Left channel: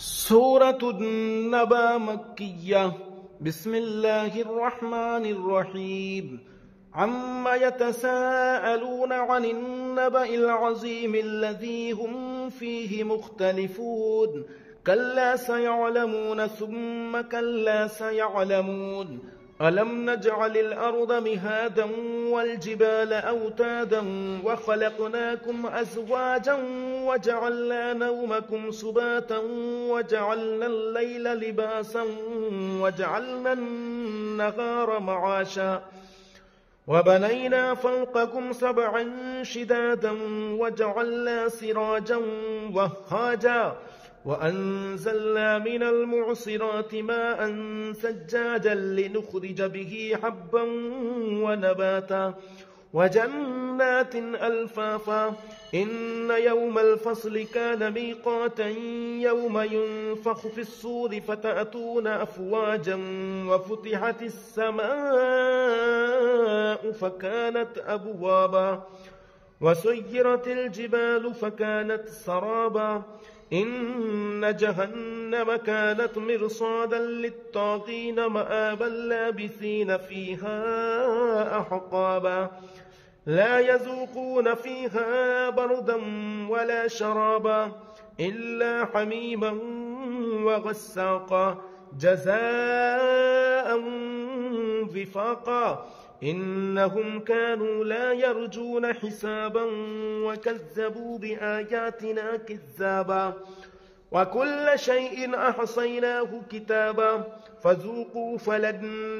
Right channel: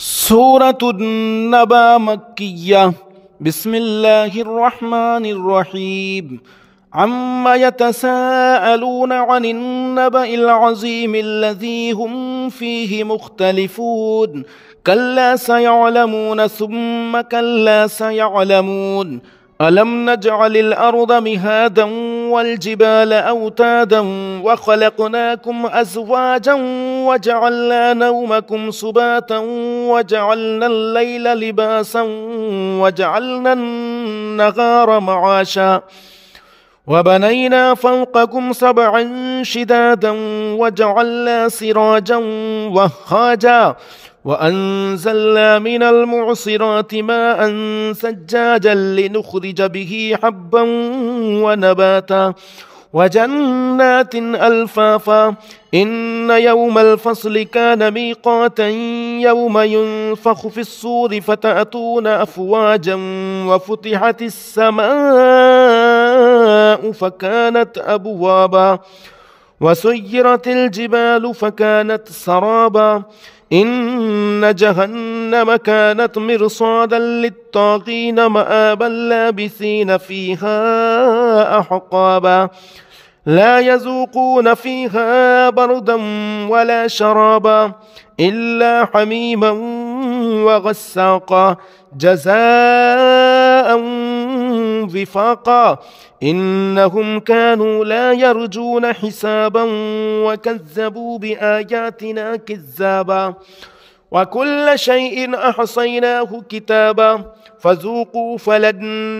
سورة النبأ مكية. بسم الله الرحمن الرحيم. عما يتساءلون عن النبأ العظيم الذي هم فيه مختلفون. كلا سيعلمون ثم كلا سيعلمون. ألم نجعل الأرض مهادا والجبال أوتادا وخلقناكم أزواجا وجعلنا نومكم سباتا وجعلنا الليل لباسا وجعلنا النهار معاشا وبنينا فوقكم سبعا شدادا وجعلنا سراجا وهاجا وأنزلنا من المعصرات ماء ثجاجا لنخرج به حبا ونباتا وجنات ألفافا. إن يوم الفصل كان ميقاتا يوم ينفخ في الصور فتأتون أفواجا وفتحت السماء فكانت أبوابا وسيرت الجبال فكانت سرابا. إن جهنم كانت مرصادا للطاغين مآبا لابثين فيها أحقابا لا يذوقون فيها بردا ولا شرابا إلا حميما وغساقا جزاء وفاقا. إنهم كانوا لا يرجون حسابا وكذبوا بآياتنا كذابا. وكل شيء أحصيناه كتابا فذوقوا فلن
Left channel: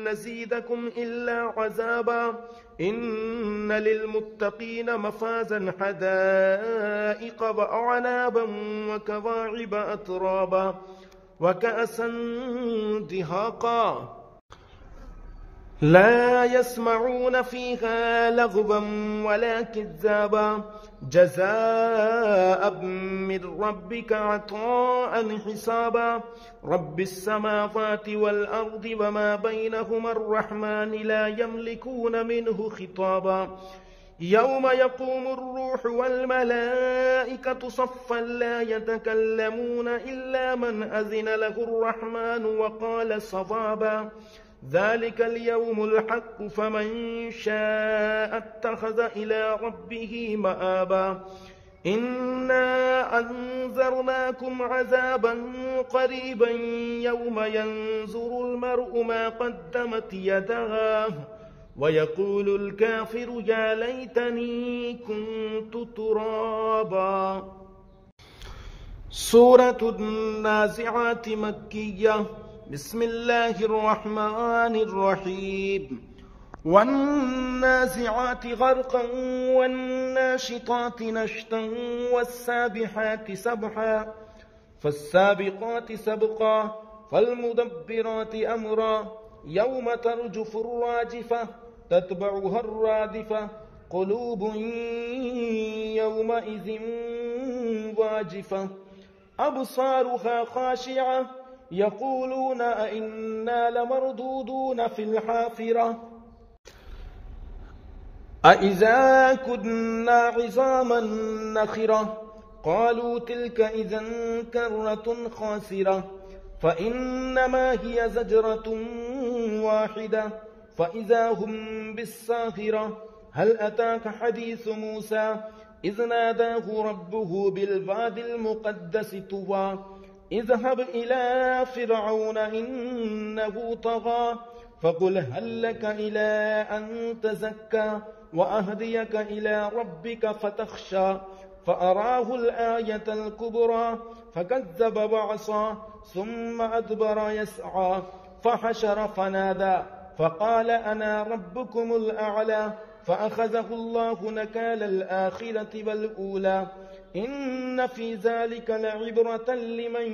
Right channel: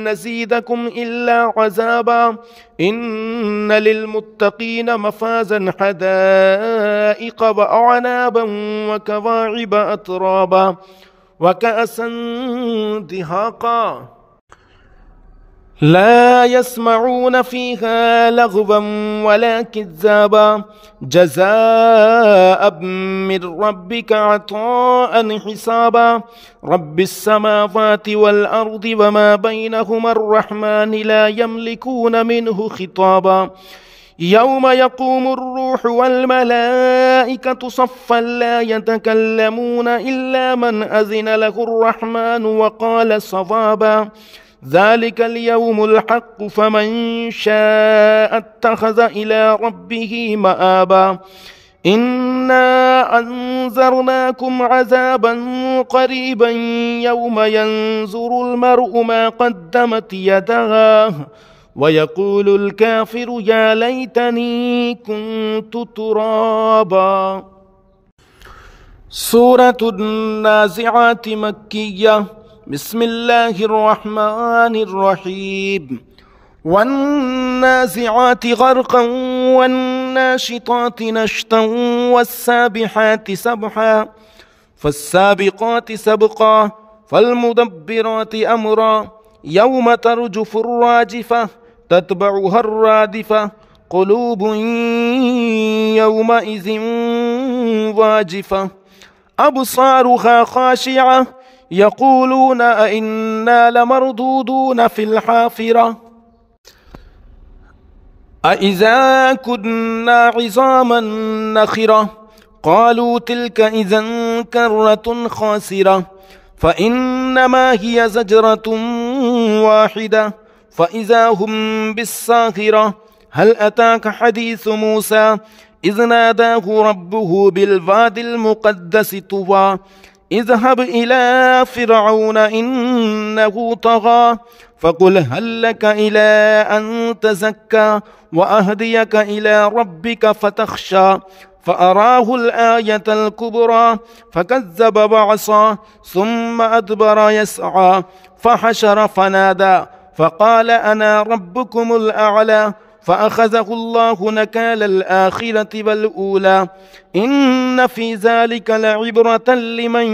نزيدكم إلا عذابا. إن للمتقين مفازا حدائق وأعنابا وكواعب أترابا وكأسا دهاقا لا يسمعون فيها لغوا ولا كذابا جزاء من ربك عطاء حسابا. رب السماوات والأرض وما بينهما الرحمن لا يملكون منه خطابا. يوم يقوم الروح والملائكة صفا لا يتكلمون إلا من أذن له الرحمن وقال صوابا. ذلك اليوم الحق فمن شاء اتخذ إلى ربه مآبا. إنا أنذرناكم عذابا قريبا يوم ينظر المرء ما قدمت يداه ويقول الكافر يا ليتني كنت ترابا. سورة النازعات مكية. بسم الله الرحمن الرحيم. والنازعات غرقا والناشطات نشطا والسابحات سبحا فالسابقات سبقا فالمدبرات أمرا يوم ترجف الراجفة تتبعها الرادفة قلوب يومئذ واجفة أبصارها خاشعة يقولون أئنا لمردودون في الحافرة أإذا كنا عظاما نخرة قالوا تلك إذا كرة خاسرة فإنما هي زجرة واحدة فإذا هم بالساهرة. هل أتاك حديث موسى إذ ناداه ربه بالواد المقدس طوى اذهب إلى فرعون إنه طغى فقل هل لك إلى أن تزكى وأهديك إلى ربك فتخشى فأراه الآية الكبرى فكذب بعصى ثم أدبر يسعى فحشر فنادى فقال أنا ربكم الأعلى فأخذه الله نكال الآخرة والأولى. إن في ذلك لعبرة لمن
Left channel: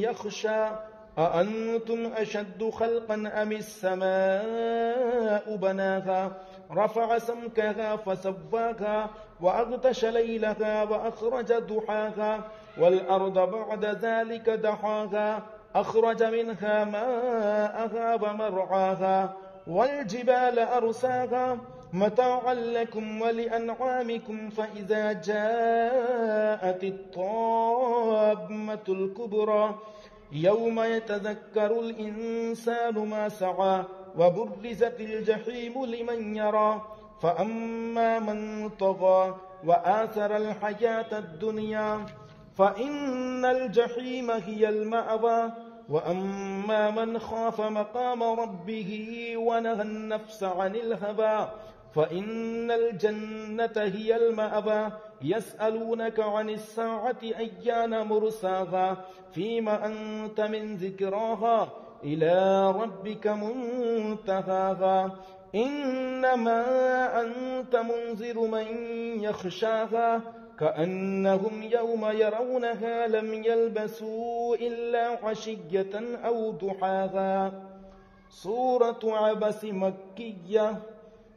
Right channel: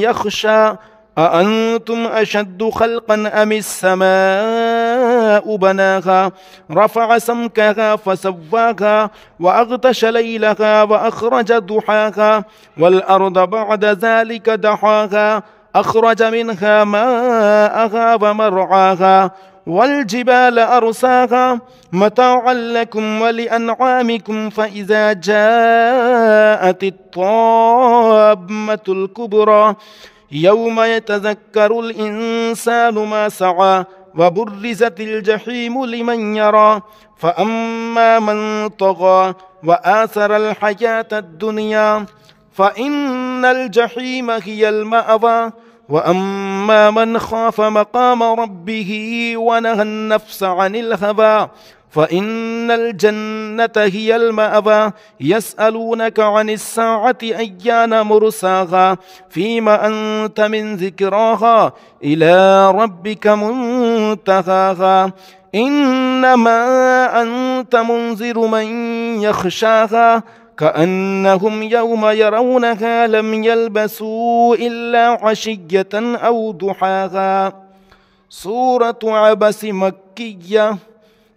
يخشى أأنتم أشد خلقا أم السماء بناها رفع سمكها فسواها وأغطش ليلها وأخرج ضحاها والأرض بعد ذلك دحاها أخرج منها ماءها ومرعاها والجبال أرساها متاعا لكم ولأنعامكم فإذا جاءت الطامة الكبرى يوم يتذكر الإنسان ما سعى وبرزت الجحيم لمن يرى فأما من طغى وآثر الحياة الدنيا فإن الجحيم هي المأوى وأما من خاف مقام ربه ونهى النفس عن الهوى فإن الجنة هي المأوى يسألونك عن الساعة أيان مرساها فيما أنت من ذكراها إلى ربك منتهاها إنما أنت منذر من يخشاها كأنهم يوم يرونها لم يلبسوا إلا عشية أو ضحاها. سورة عبس مكية.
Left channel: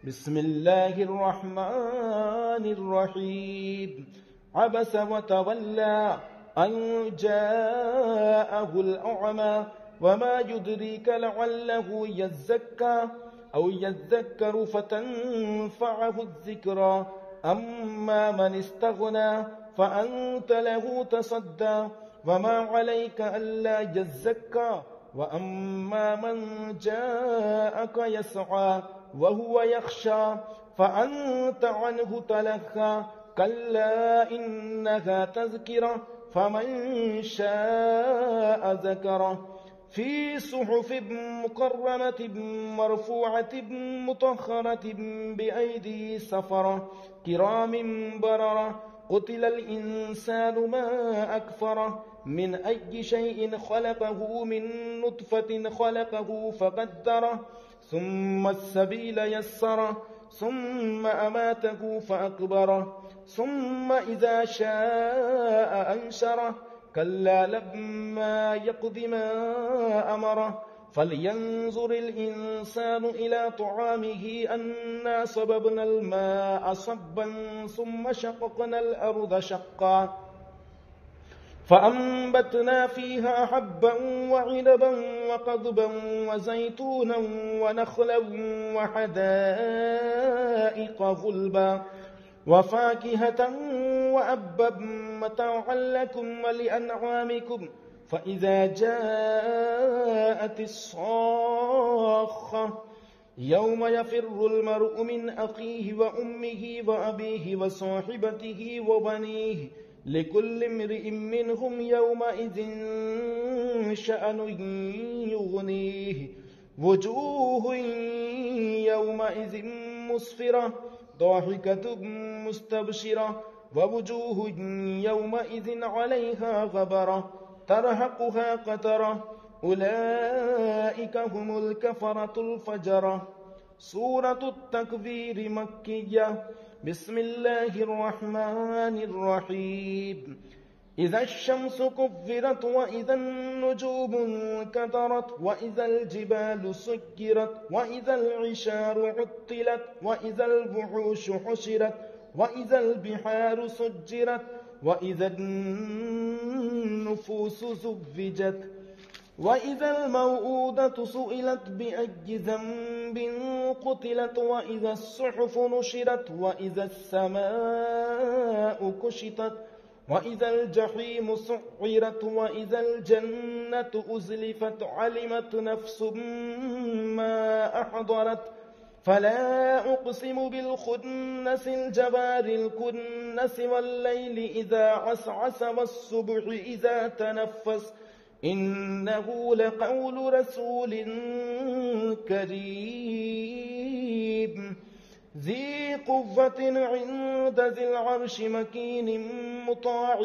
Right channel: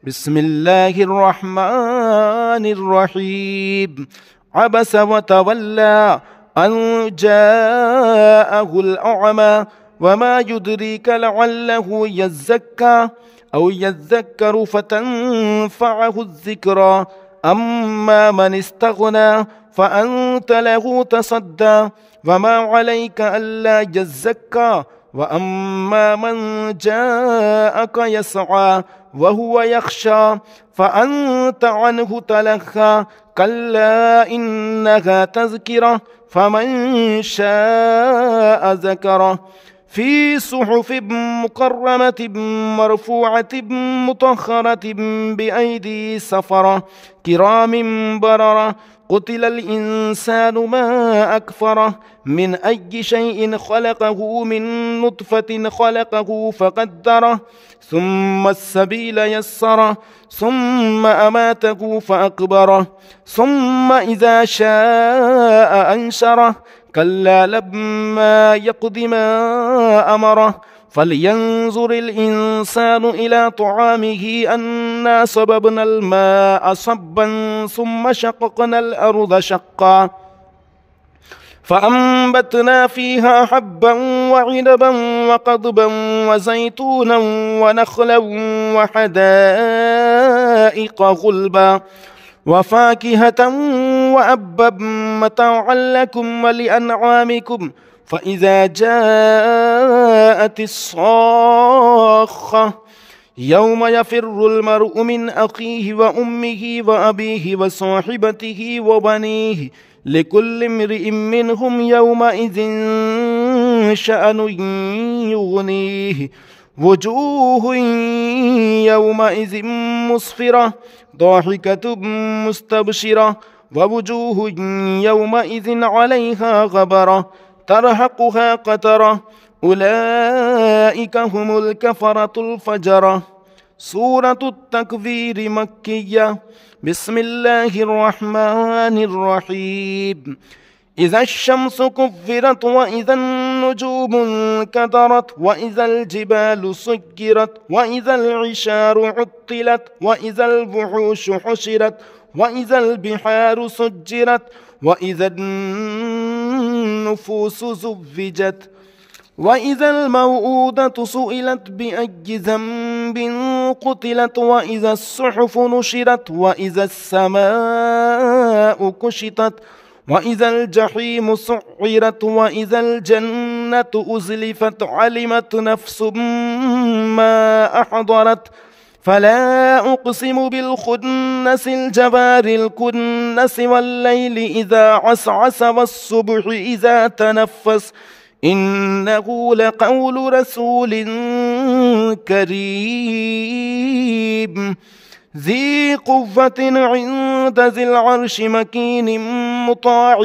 بسم الله الرحمن الرحيم. عبس وتولى أن جاءه الأعمى وما يدريك لعله يزكى أو يذكر فتنفعه الذكرى أما من استغنى فأنت له تصدى وما عليك ألا يزكى وأما من جاءك يسعى وهو يخشى فأنت عنه تلهى كلا إنها تذكرة فمن شاء ذكره في صحف مكرمة مرفوعة مطهرة بأيدي سفرة كرام بررة قتل الإنسان ما أكفره من أي شيء خلقه من نطفة خلقه فقدره ثم السبيل يسره ثم أماته فأقبره ثم إذا شاء أنشره كلا لما يقض ما أمره فلينظر الإنسان إلى طعامه أنا صببنا الماء صبا ثم شققنا الأرض شقا فأنبتنا فيها حبا وعنبا وقضبا وزيتونا ونخلا وحدائق غلبا وفاكهة وأبا متاعا لكم ولأنعامكم فإذا جاءت الصاخة يوم يفر المرء من أخيه وأمه وأبيه وصاحبته وبنيه لكل امرئ منهم يومئذ شأن يغنيه وجوه يومئذ مسفرة ضاحكة مستبشرة ووجوه يومئذ عليها غبرة ترهقها قترة أولئك هم الكفرة الفجرة. سورة التكوير مكية. بسم الله الرحمن الرحيم. إذا الشمس كفرت وإذا النجوم انكدرت وإذا الجبال سجرت وإذا العشار عطلت وإذا الوحوش حشرت وإذا البحار سجرت وإذا النفوس زوجت وإذا الموءودة سئلت بأي ذنب قتلت وإذا الصحف نشرت وإذا السماء كشطت وإذا الجحيم سعرت وإذا الجنة أزلفت علمت نفس ما أحضرت فلا أقسم بالخنس الجوار الكنس والليل إذا عسعس والصبح إذا تنفس إنه لقول رسول كريم ذي قوة عند ذي العرش مكين مطاع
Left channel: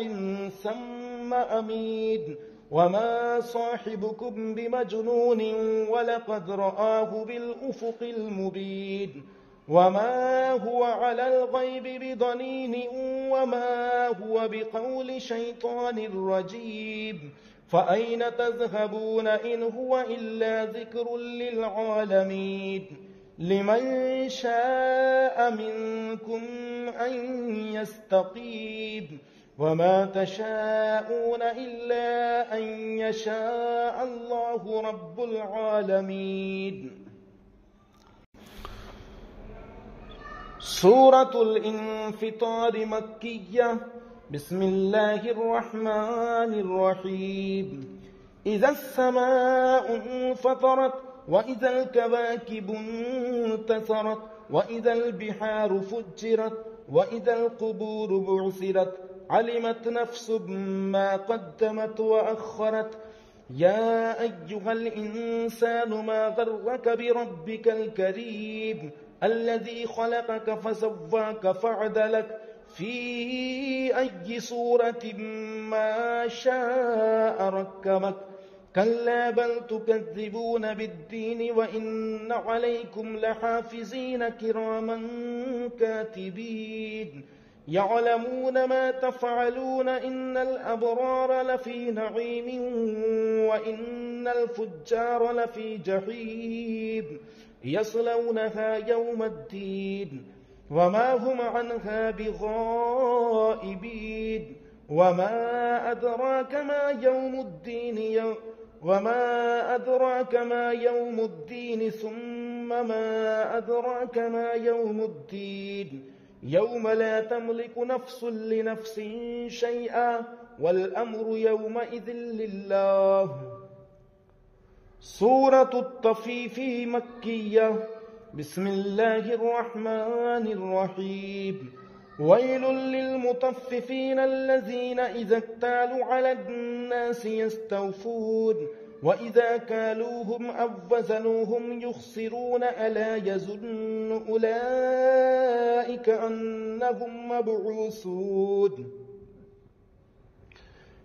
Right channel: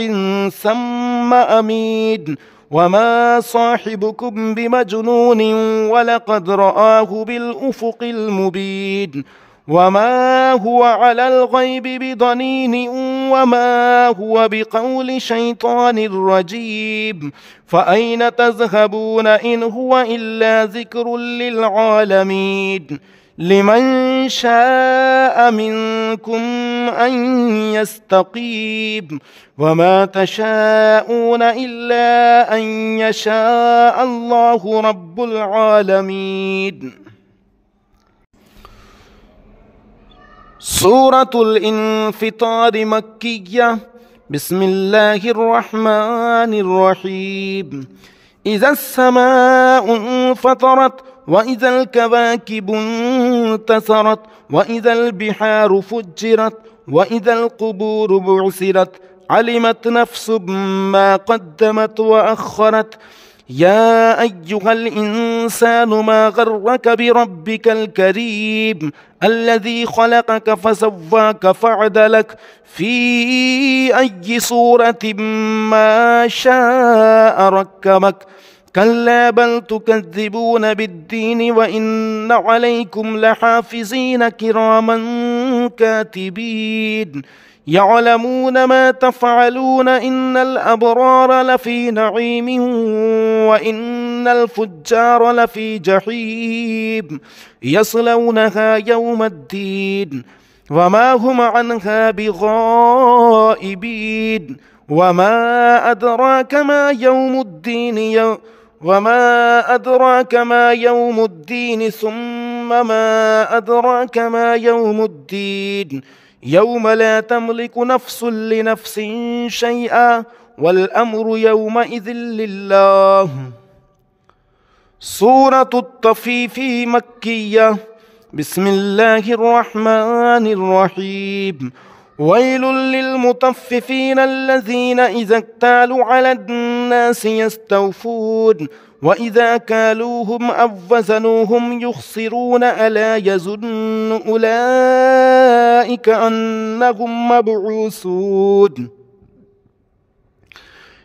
ثم أمين وما صاحبكم بمجنون ولقد رآه بالأفق المبين وما هو على الغيب بضنين وما هو بقول شيطان رجيم فأين تذهبون إن هو إلا ذكر للعالمين لمن شاء منكم أن يستقيم وما تشاءون إلا أن يشاء الله رب العالمين. سورة الانفطار مكية. بسم الله الرحمن الرحيم. إذا السماء انفطرت وإذا الكواكب انتثرت وإذا البحار فجرت وإذا القبور بعثرت علمت نفس ما قدمت وأخرت. يا أيها الإنسان ما غرك بربك الكريم الذي خلقك فسواك فعدلك في أي صورة ما شاء ركبك. كلا بل تكذبون بالدين وإن عليكم لحافظين كراما كاتبين يعلمون ما تفعلون. إن الأبرار لفي نعيم وإن الفجار لفي جحيم يصلونها يوم الدين وما هم عنها بغائبين. وما أدراك ما يوم الدين ثم ما أدراك ما يوم الدين يوم لا تملك نفس لنفس شيئا والأمر يومئذ لله. سورة الطفيف مكية. بسم الله الرحمن الرحيم. ويل للمطففين الذين إذا اكتالوا على الناس يستوفون وإذا كالوهم أو وزنوهم يخسرون ألا يظن أولئك أنهم مبعوثون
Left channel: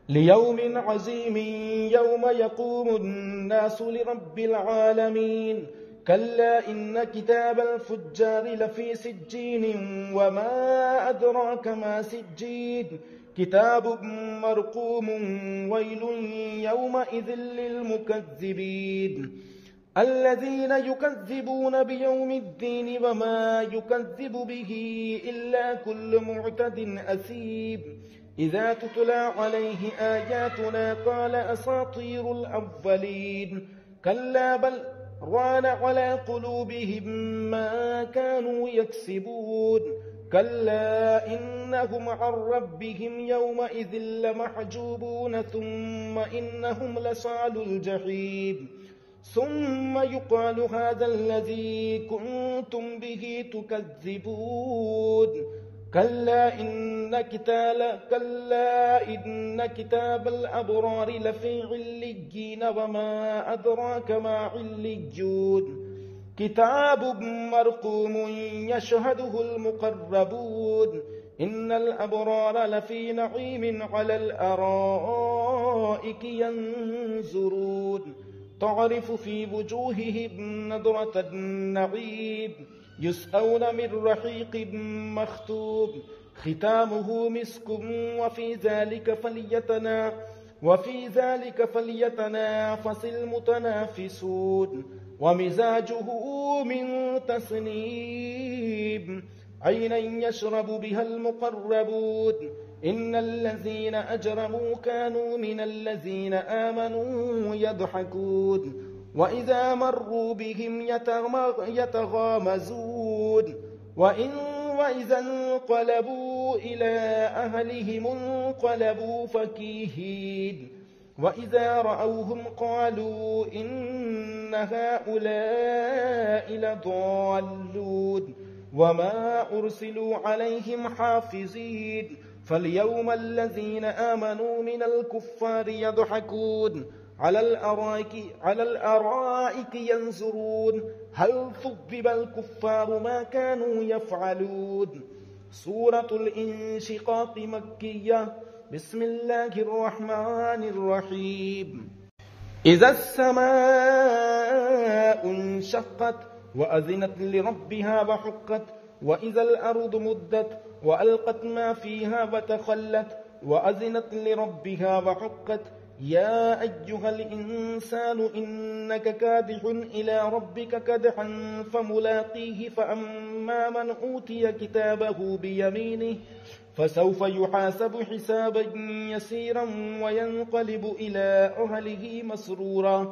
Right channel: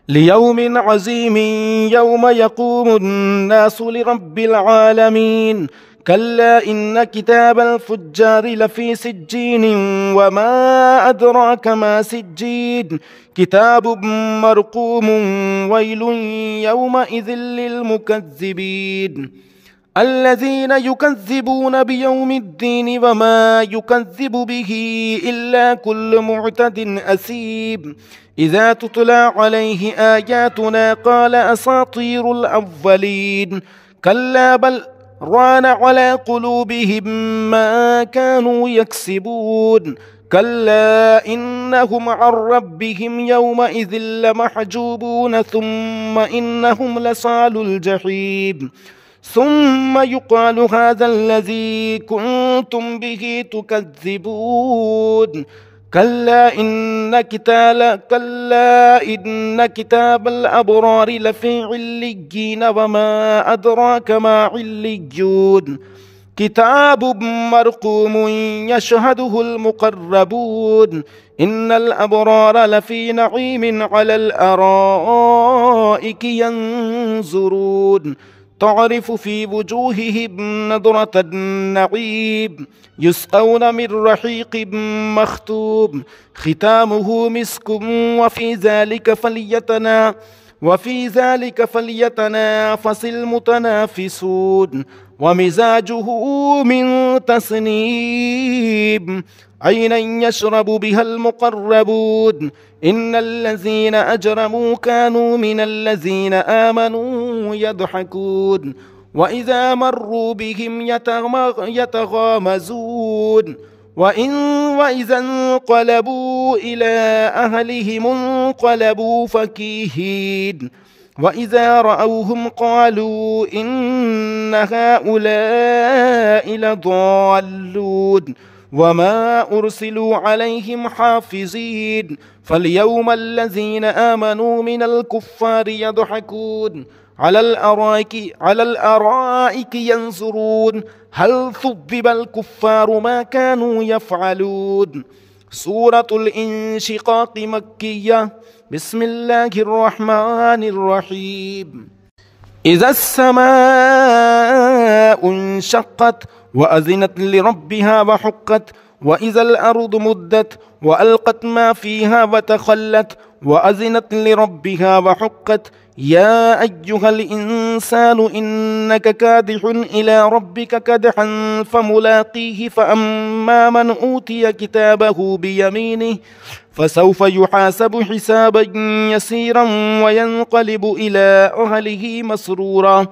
ليوم عظيم يوم يقوم الناس لرب العالمين. كلا إن كتاب الفجار لفي سجين وما أدراك ما سجين كتاب مرقوم ويل يومئذ للمكذبين الذين يكذبون بيوم الدين وما يكذب به إلا كل معتد أثيم إذا تتلى عليه آياتنا قال أساطير الأولين. كلا بل ران على قلوبهم ما كانوا يكسبون. كلا إنهم عن ربهم يومئذ لمحجوبون ثم إنهم لصالو الجحيم ثم يقال هذا الذي كنتم به تكذبون. كلا إن كتاب الأبرار لفي عليين وما أدراك ما عليون كتاب مرقوم يشهده المقربون. إن الأبرار لفي نعيم على الأرائك ينظرون تعرف في وجوههم نضرة النعيم يسقون من رحيق مختوم ختامه مسك وفي ذلك فليتنافس المتنافسون. ومزاجه من تسنيم عينا يشرب بها المقربون. إن الذين أجرموا كانوا من الذين آمنوا يضحكون وإذا مروا بهم يتغامزون وإذا انقلبوا إلى أهلهم انقلبوا فكيهين وإذا رأوهم قالوا إن هؤلاء لضالون وما أرسلوا عليهم حافظين. فاليوم الذين آمنوا من الكفار يضحكون على الأرائك ينظرون هل ثوب الكفار ما كانوا يفعلون. سورة الانشقاق مكية. بسم الله الرحمن الرحيم. إذا السماء انشقت وأذنت لربها وحقت وإذا الأرض مدت وألقت ما فيها وتخلت وأذنت لربها وحقت يا أيها الإنسان إنك كادح إلى ربك كدحا فملاقيه فأما من أوتي كتابه بيمينه فسوف يحاسب حسابا يسيرا وينقلب إلى أهله مسرورا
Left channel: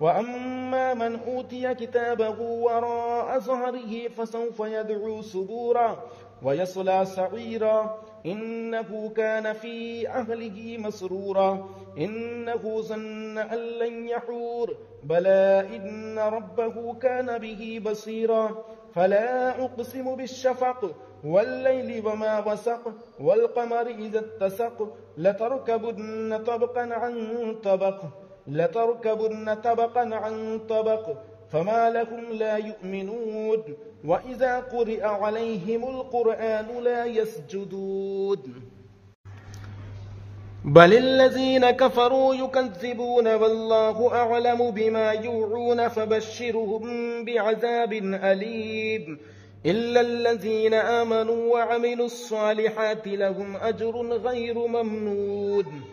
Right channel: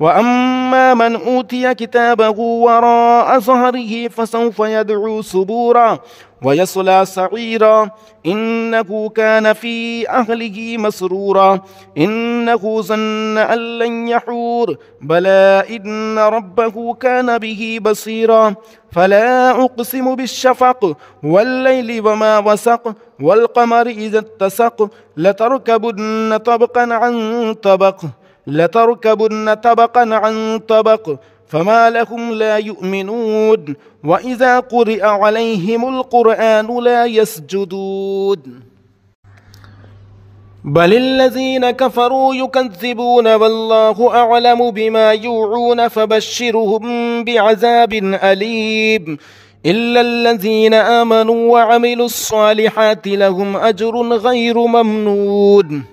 وأما من أوتي كتابه وراء ظهره فسوف يدعو سبورا ويصلى سعيرا إنه كان في أهله مسرورا إنه ظن أن لن يحور بلى إن ربه كان به بصيرا فلا أقسم بالشفق والليل وما وسق والقمر إذا اتسق لتركبن طبقا عن طبق فما لهم لا يؤمنون وإذا قرئ عليهم القرآن لا يسجدون بل الذين كفروا يكذبون والله أعلم بما يوعون فبشرهم بعذاب أليم إلا الذين آمنوا وعملوا الصالحات لهم أجر غير ممنون.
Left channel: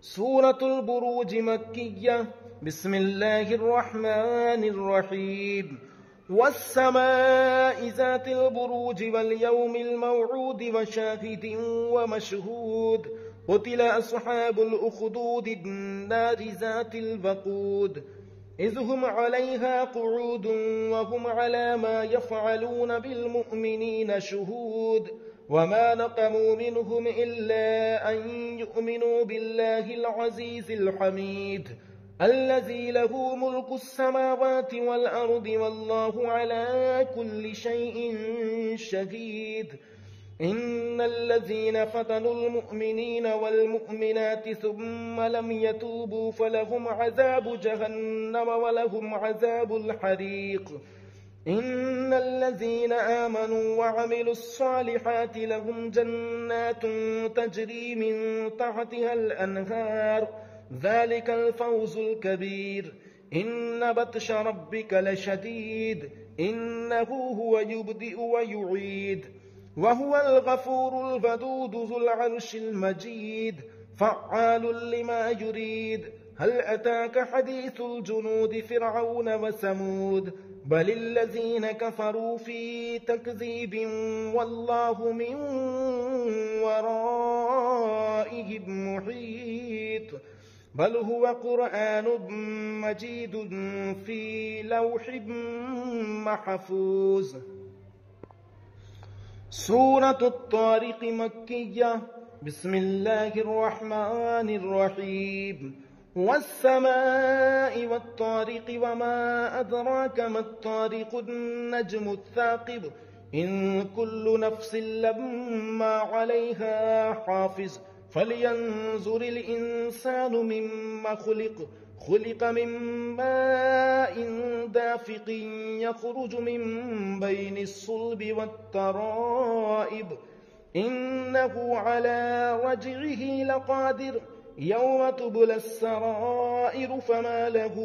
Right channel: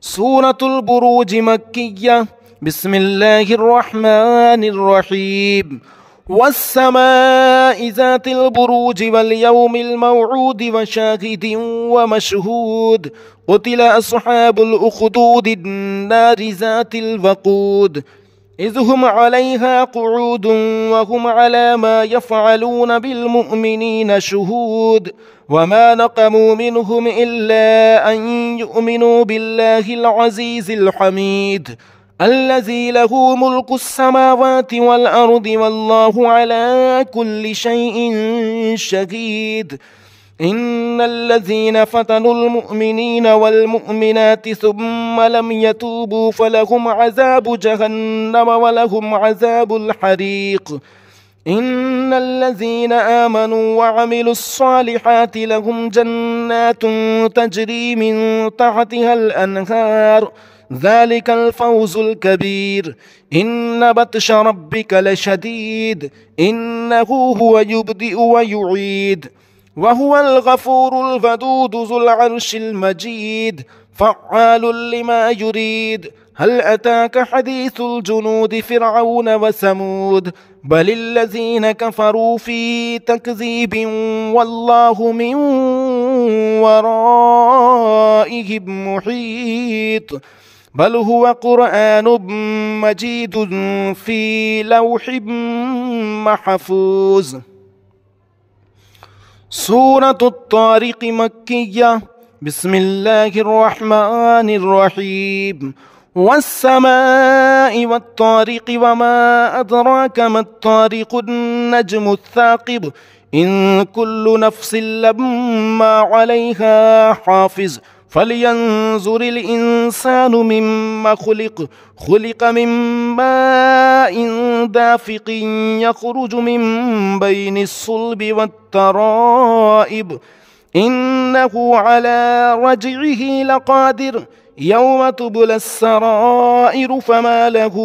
سورة البروج مكية. بسم الله الرحمن الرحيم. والسماء ذات البروج واليوم الموعود وشاهد ومشهود قتل أصحاب الأخدود النار ذات الوقود إذ هم عليها قعود وهم على ما يفعلون بالمؤمنين شهود وما نقموا منهم إلا أن يؤمنوا بالله العزيز الحميد الذي له ملك السماوات والأرض والله على كل شيء شهيد. إن الذين فتنوا المؤمنين والمؤمنات ثم لم يتوبوا فلهم عذاب جهنم ولهم عذاب الحريق. إن الذين آمنوا وعملوا الصالحات لهم جنات تجري من تحتها الأنهار ذلك الفوز الكبير. إن بطش ربك لشديد إنه هو يبدئ ويعيد وهو الغفور الودود ذو العرش المجيد فعال لما يريد. هل أتاك حديث الجنود فرعون وثمود بل الذين كفروا في تكذيب والله من ورائهم محيط بل هو قرآن مجيد في لوح محفوظ. سورة الطارق مكية. بسم الله الرحمن الرحيم. والسماء والطارق وما أدراك ما الطارق النجم الثاقب إن كل نفس لما عليها حافظ فلينظر الإنسان مما خلق من ماء دافق يخرج من بين الصلب والترائب إنه على رجعه لقادر يوم تبلى السرائر فما له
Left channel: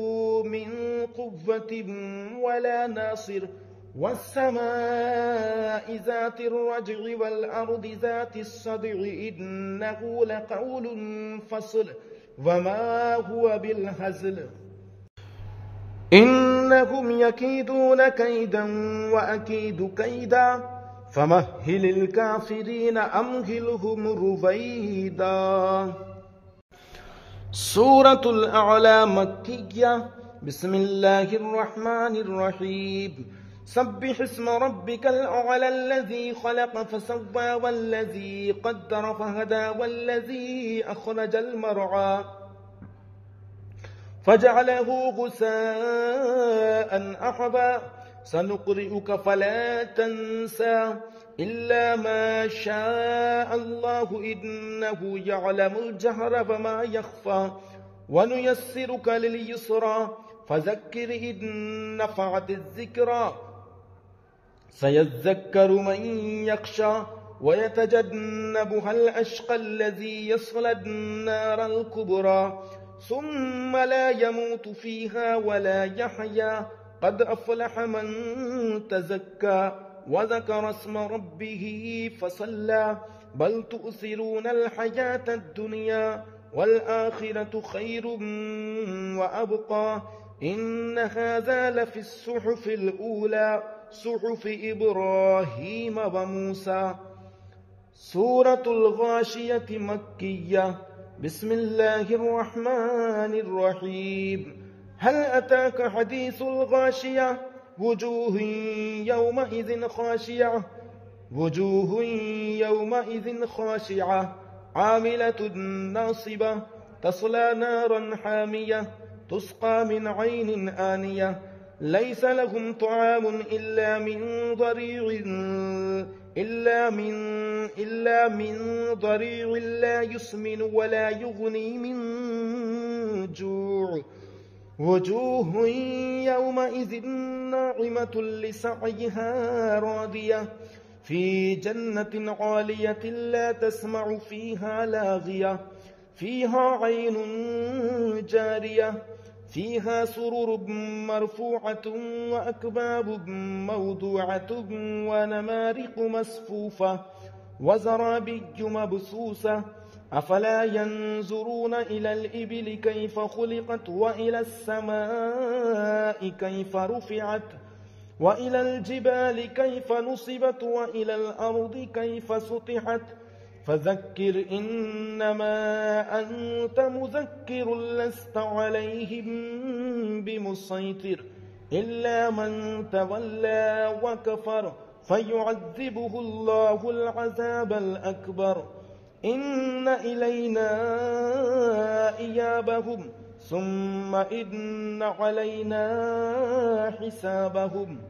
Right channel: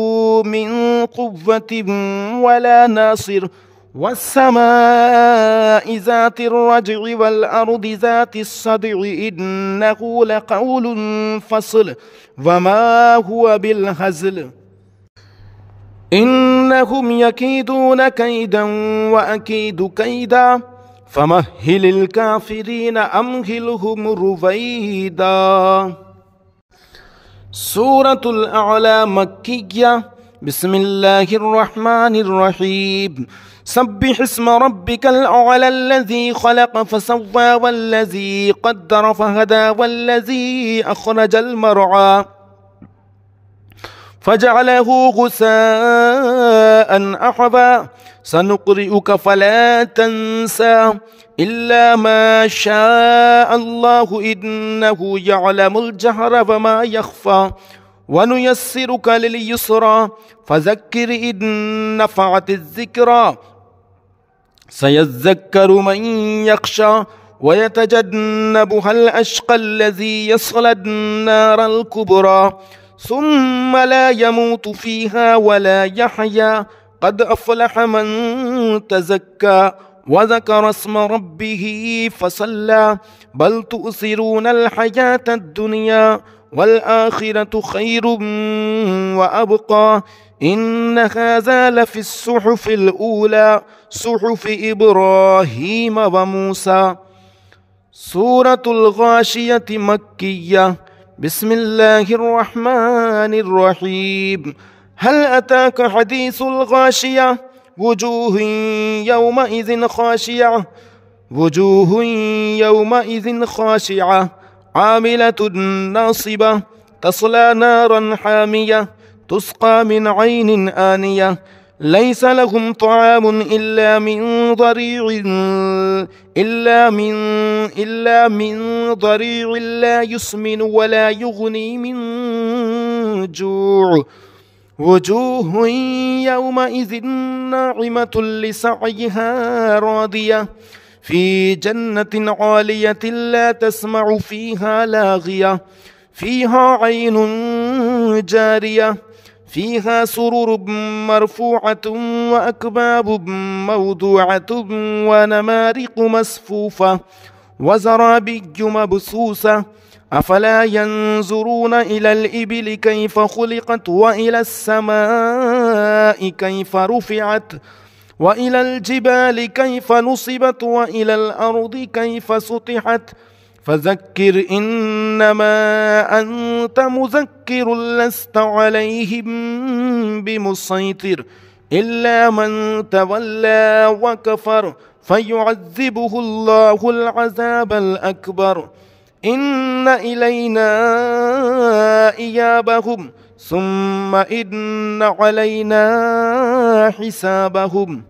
من قوة ولا ناصر. والسماء ذات الرجع والأرض ذات الصدع إنه لقول فصل وما هو بالهزل. إنهم يكيدون كيدا وأكيد كيدا فمهل الكافرين أمهلهم رويدا. سورة الأعلى مكية. بسم الله الرحمن الرحيم. سبح اسم ربك الأعلى الذي خلق فسوى والذي قدر فهدى والذي أخرج المرعى فجعله غثاء أحوى سنقرئك فلا تنسى إلا ما شاء الله إنه يعلم الجهر وما يخفى ونيسرك لليسرى فذكر إن نفعت الذكرى سيذكر من يخشى ويتجنبها الأشقى الذي يصلى النار الكبرى ثم لا يموت فيها ولا يحيا قد أفلح من تزكى وذكر اسم ربه فصلى بل تؤثرون الحياة الدنيا والآخرة خير وأبقى إن هذا لفي الصحف الأولى صحف إبراهيم وموسى. سورة الغاشية مكية. بسم الله الرحمن الرحيم. هل أتاك حديث الغاشية؟ وجوه يومئذ خاشعة عاملة ناصبة تصلى نارا حامية تسقى من عين آنية ليس لهم طعام إلا من ضريع لا يسمن ولا يغني من جوع. وجوه يومئذ ناعمة لسعيها راضية في جنة عالية لا تسمع فيها لاغية فيها عين جارية فيها سرر مرفوعة وأكواب موضوعة ونمارق مصفوفة وزرابي مبثوثة. أفلا ينظرون إلى الإبل كيف خلقت وإلى السماء كيف رفعت وإلى الجبال كيف نصبت وإلى الأرض كيف سطحت. فذكر إنما أنت مذكر لست عليهم بمسيطر إلا من تولى وكفر فيعذبه الله العذاب الأكبر. إن إلينا إيابهم ثم إن علينا حسابهم.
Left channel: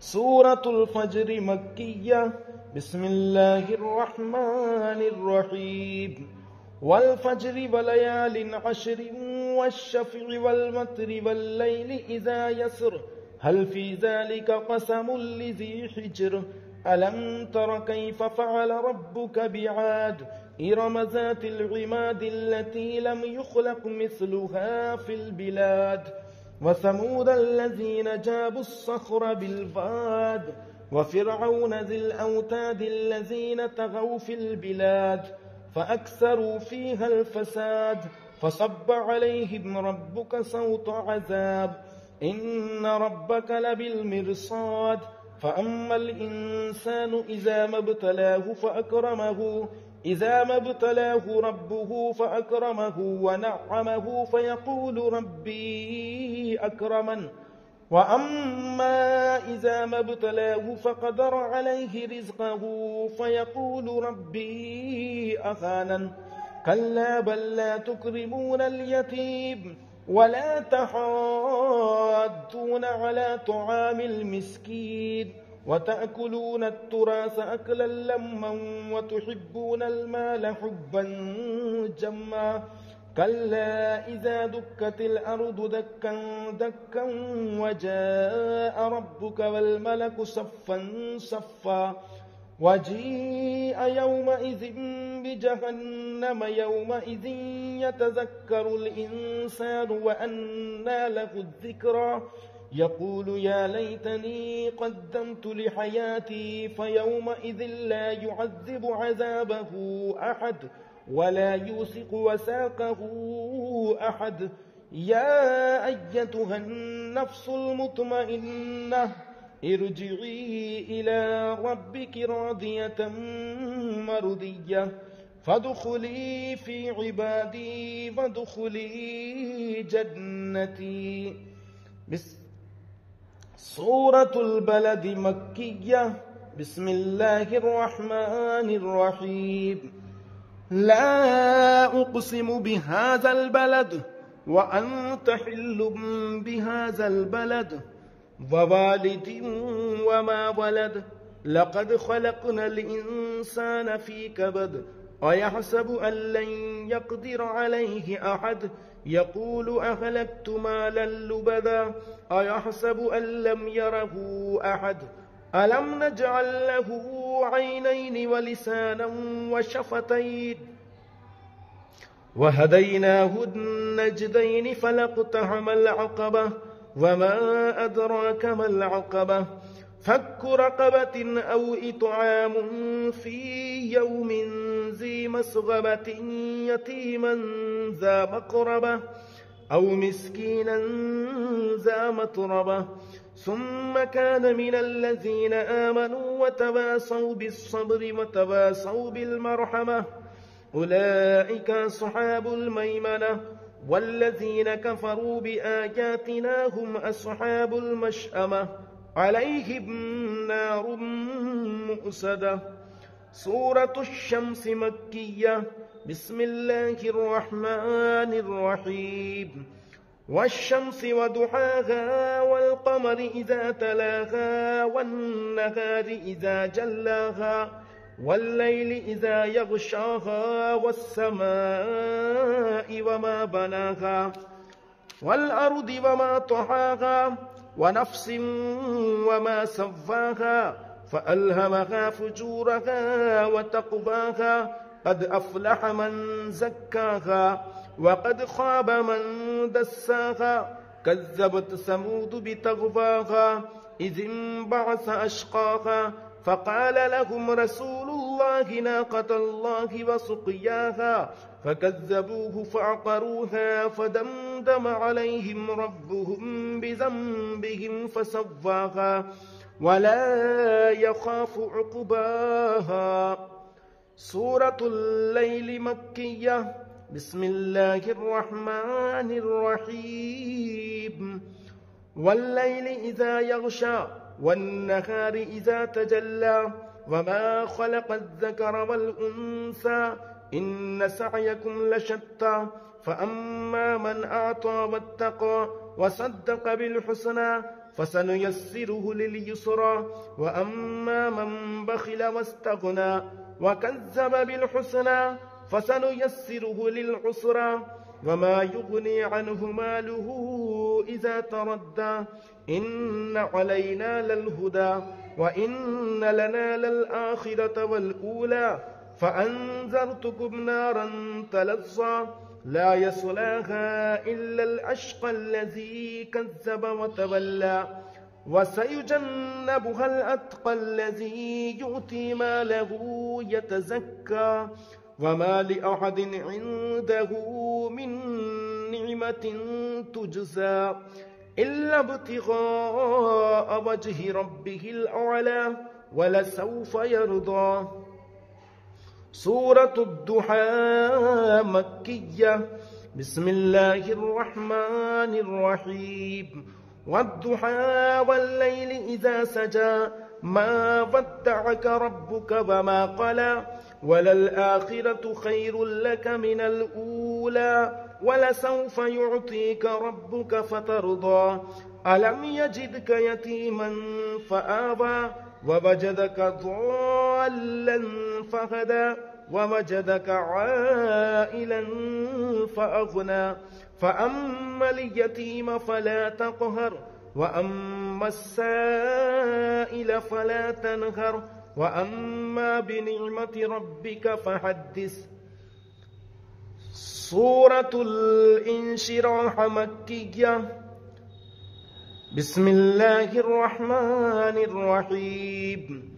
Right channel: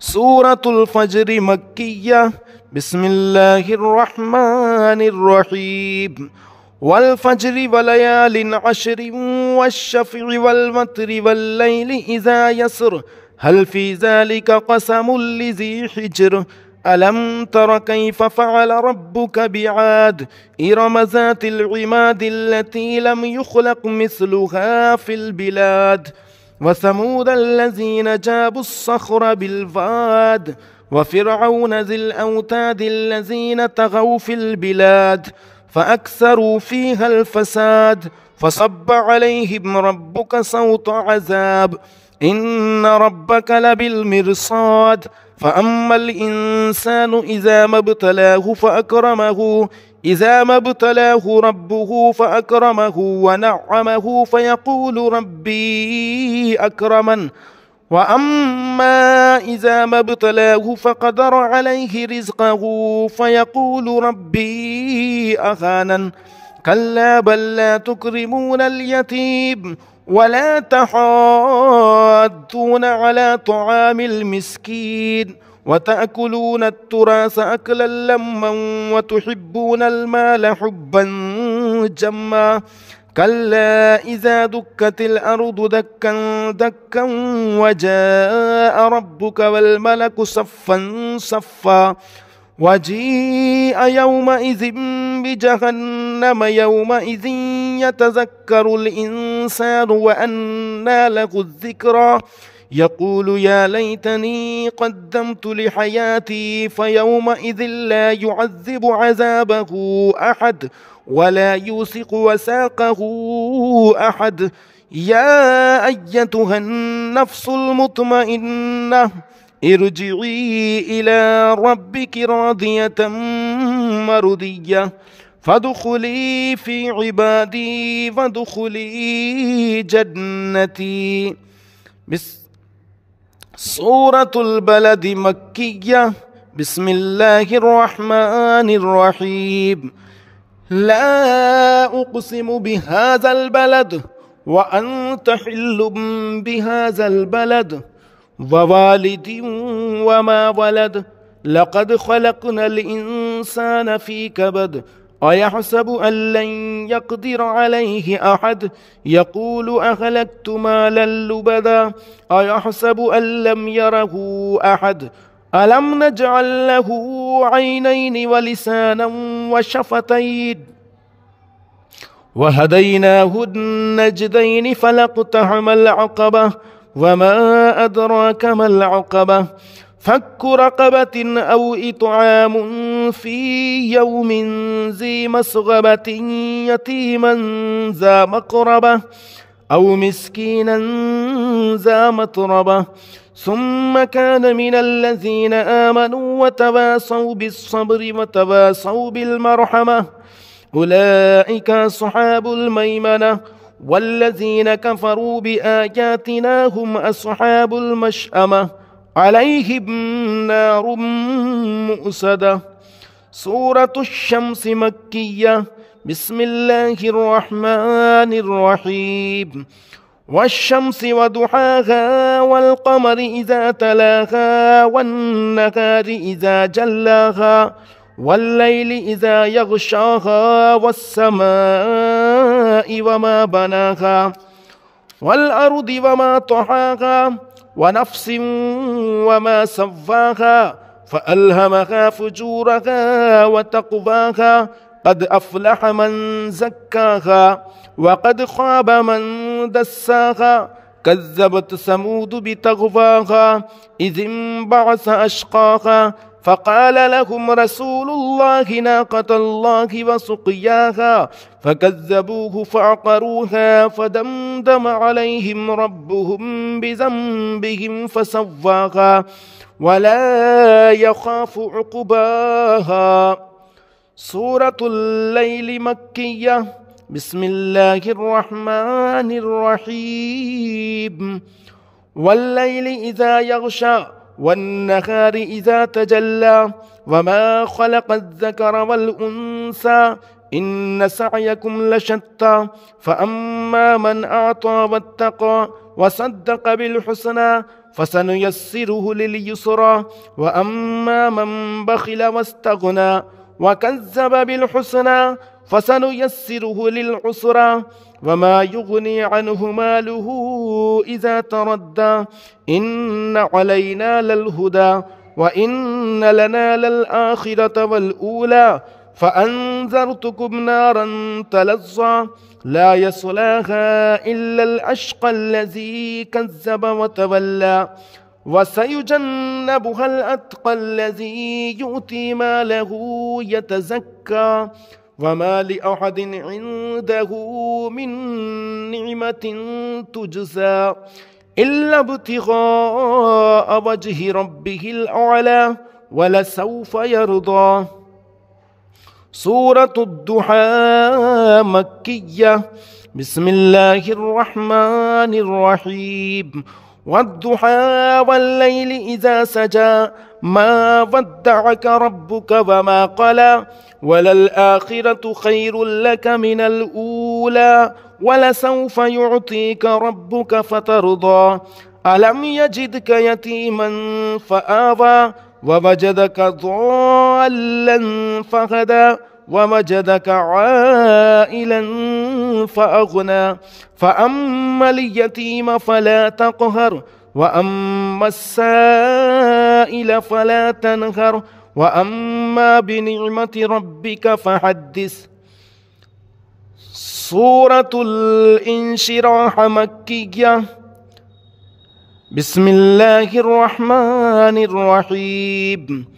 سورة الفجر مكية. بسم الله الرحمن الرحيم. والفجر وليال عشر والشفع والوتر والليل إذا يسر هل في ذلك قسم لذي حجر ألم تر كيف فعل ربك بعاد إرم ذات العماد التي لم يخلق مثلها في البلاد وثمود الذين جابوا الصخر بالواد وفرعون ذي الأوتاد الذين طغوا في البلاد فأكثروا فيها الفساد فصب عليهم ربك صوت عذاب إن ربك لبالمرصاد. فأما الإنسان إذا ما ابتلاه ربه فأكرمه ونعمه فيقول ربي أكرمن وأما إذا ما ابتلاه فقدر عليه رزقه فيقول ربي أهانن. كلا بل لا تكرمون اليتيم ولا تحاضون على طعام المسكين وتأكلون التراث أكلا لما وتحبون المال حبا جما. كلا إذا دكت الأرض دكا دكا وجاء ربك والملك صفا صفا وجيء يومئذ بجهنم يومئذ يتذكر الإنسان وأنى له الذكرى يقول يا ليتني قدمت لحياتي فيومئذ لا يعذب عذابه أحد ولا يوثق وثاقه أحد. يا أيتها النفس المطمئنة ارجعي إلى ربك راضية مرضية فادخلي في عبادي وادخلي جنتي. سورة البلد مكية. بسم الله الرحمن الرحيم. لا أقسم بهذا البلد وأنت حل بهذا البلد ووالد وما ولد لقد خلقنا الإنسان في كبد أيحسب أن لن يقدر عليه أحد يقول أهلكت مالا لبدا أيحسب أن لم يره أحد ألم نجعل له عينين ولسانا وشفتين وهديناه النجدين فلاقتحم العقبة وما أدراك ما العقبة فك رقبة أو إطعام في يوم ذي مسغبة يتيما ذا مقربة أو مسكينا ذا متربة ثم كان من الذين آمنوا وتواصوا بالصبر وتواصوا بالمرحمة أولئك أصحاب الميمنة والذين كفروا بآياتنا هم أصحاب المشأمة عليهم نار مؤصدة. سورة الشمس مكية. بسم الله الرحمن الرحيم. والشمس وضحاها والقمر إذا تلاها والنهار إذا جلاها والليل إذا يغشاها والسماء وما بناها والأرض وما طحاها ونفس وما سواها فألهمها فجورها وتقواها قد أفلح من زكاها وقد خاب من دساها كذبت ثمود بتغواها إذ انبعث أشقاها فقال لهم رسول الله ناقة الله وسقياها فكذبوه فعقروها فدمدم عليهم ربهم بذنبهم فسواها ولا يخاف عقباها. سورة الليل مكية. بسم الله الرحمن الرحيم. والليل إذا يغشى والنهار إذا تجلى وما خلق الذكر والأنثى إن سعيكم لشتى فأما من أعطى واتقى وصدق بالحسنى فسنيسره لليسرى وأما من بخل واستغنى وكذب بالحسنى فسنيسره للعسرى وما يغني عنه ماله إذا تردى إن علينا للهدى وإن لنا للآخرة والأولى فأنذرتكم نارا تلظى لا يصلاها إلا الأشقى الذي كذب وتولى وسيجنبها الأتقى الذي يؤتي ماله يتزكى وما لأحد عنده من نعمة تجزى إلا ابتغاء وجه ربه الأعلى ولسوف يرضى. سورة الضحى مكية. بسم الله الرحمن الرحيم. والضحى والليل إذا سجى ما ودعك ربك وما قلى وللآخرة خير لك من الأولى ولسوف يعطيك ربك فترضى ألم يجدك يتيما فآوى ووجدك ضالا فهدى ووجدك عائلا فأغنى فأما اليتيم فلا تقهر وأما السائل فلا تنهر وأما بنعمة ربك فحدث. سورة الانشراح مكية. بسم الله الرحمن الرحيم.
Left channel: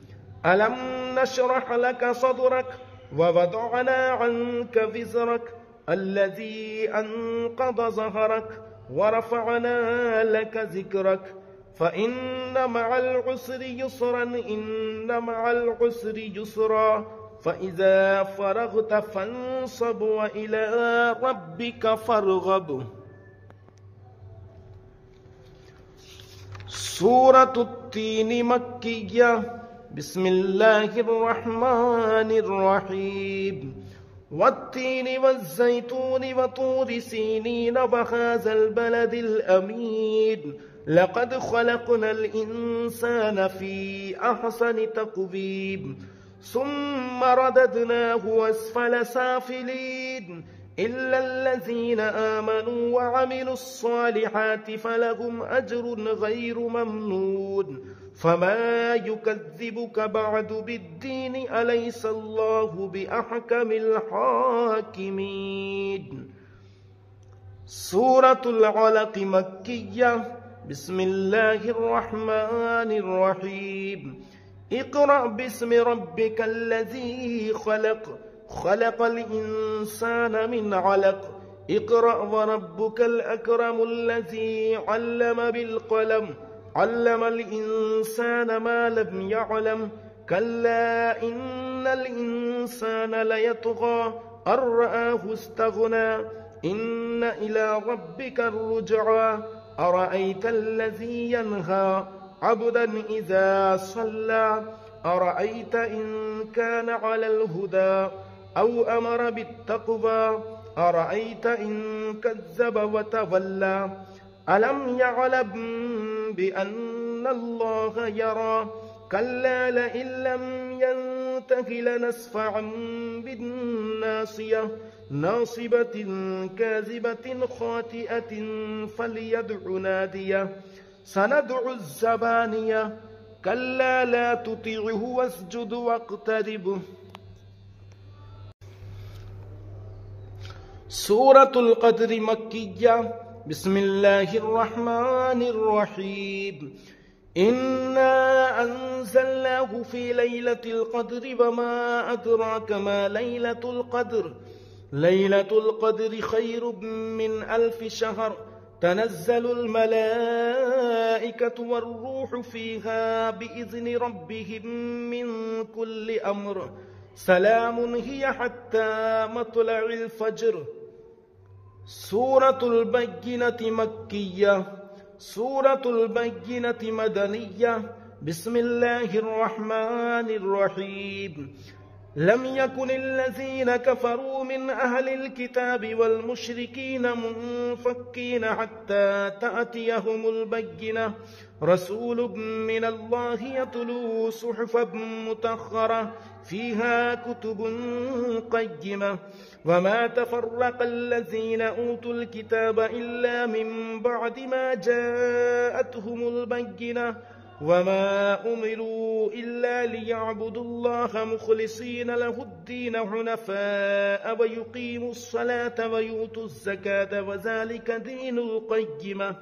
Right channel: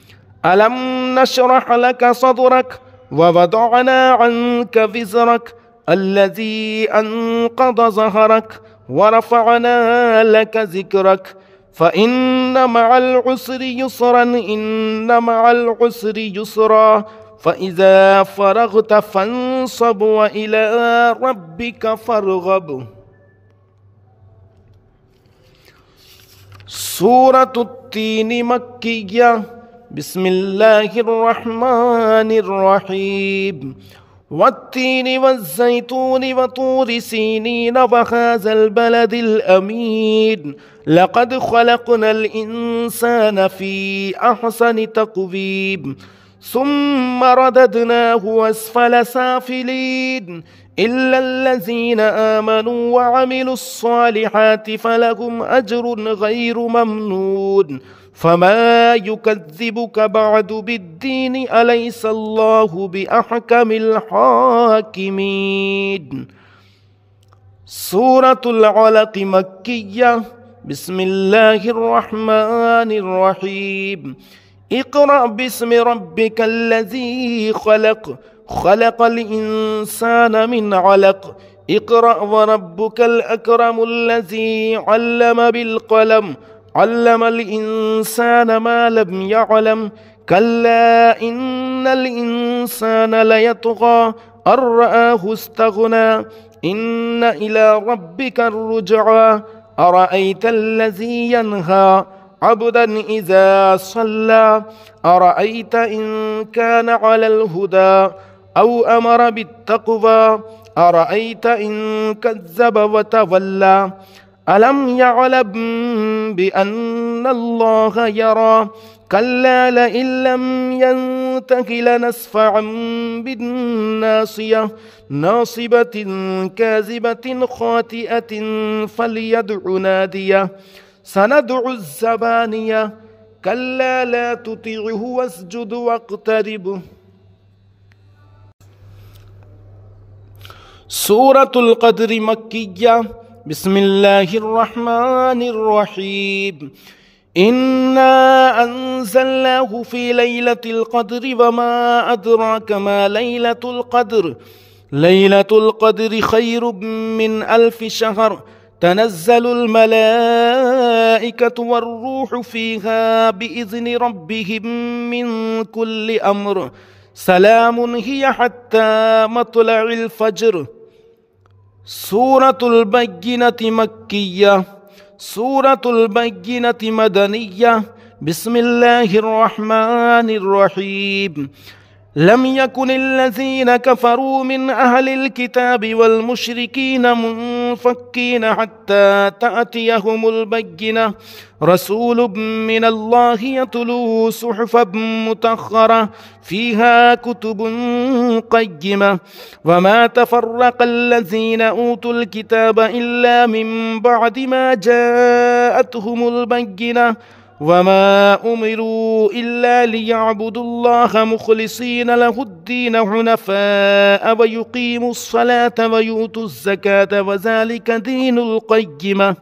ألم نشرح لك صدرك ووضعنا عنك وزرك الذي أنقض ظهرك ورفعنا لك ذكرك فإن مع العسر يسرا إن مع العسر يسرا فإذا فرغت فانصب وإلى ربك فارغب. سورة التين مكية. بسم الله الرحمن الرحيم. والتين والزيتون وطور سينين وهذا البلد الأمين لقد خلقنا الإنسان في أحسن تقويم ثم رددناه أسفل سافلين إلا الذين آمنوا وعملوا الصالحات فلهم أجر غير ممنون فما يكذبك بعد بالدين أليس الله بأحكم الحاكمين. سورة العلق مكية. بسم الله الرحمن الرحيم اقرأ باسم ربك الذي خلق خلق الإنسان من علق اقرأ وربك الأكرم الذي علم بالقلم علم الإنسان ما لم يعلم كلا إن الإنسان ليطغى أن رآه استغنى إن إلى ربك الرجعى أرأيت الذي ينهى عبدا إذا صلى أرأيت إن كان على الهدى أو أمر بالتقوى أرأيت إن كذب وتولى ألم يعلم بأن الله يرى كلا لئن لم ينته لنسفعا بالناصية ناصبة كاذبة خاطئة فليدع ناديه سندع الزبانية كلا لا تطعه واسجد واقترب. سورة القدر مكية. بسم الله الرحمن الرحيم إنا أنزلناه في ليلة القدر وما أدراك ما ليلة القدر ليلة القدر خير من 1000 شهر تنزل الملائكة والروح فيها بإذن ربهم من كل أمر سلام هي حتى مطلع الفجر. سورة البينة مكية. سورة البينة مدنية. بسم الله الرحمن الرحيم لم يكن الذين كفروا من أهل الكتاب والمشركين منفكين حتى تأتيهم البينة رسول من الله يتلو صحفا مطهرة فيها كتب قيمة وما تفرق الذين أوتوا الكتاب إلا من بعد ما جاءتهم البينة وما أمروا إلا ليعبدوا الله مخلصين له الدين حنفاء ويقيموا الصلاة ويؤتوا الزكاة وذلك دين القيمة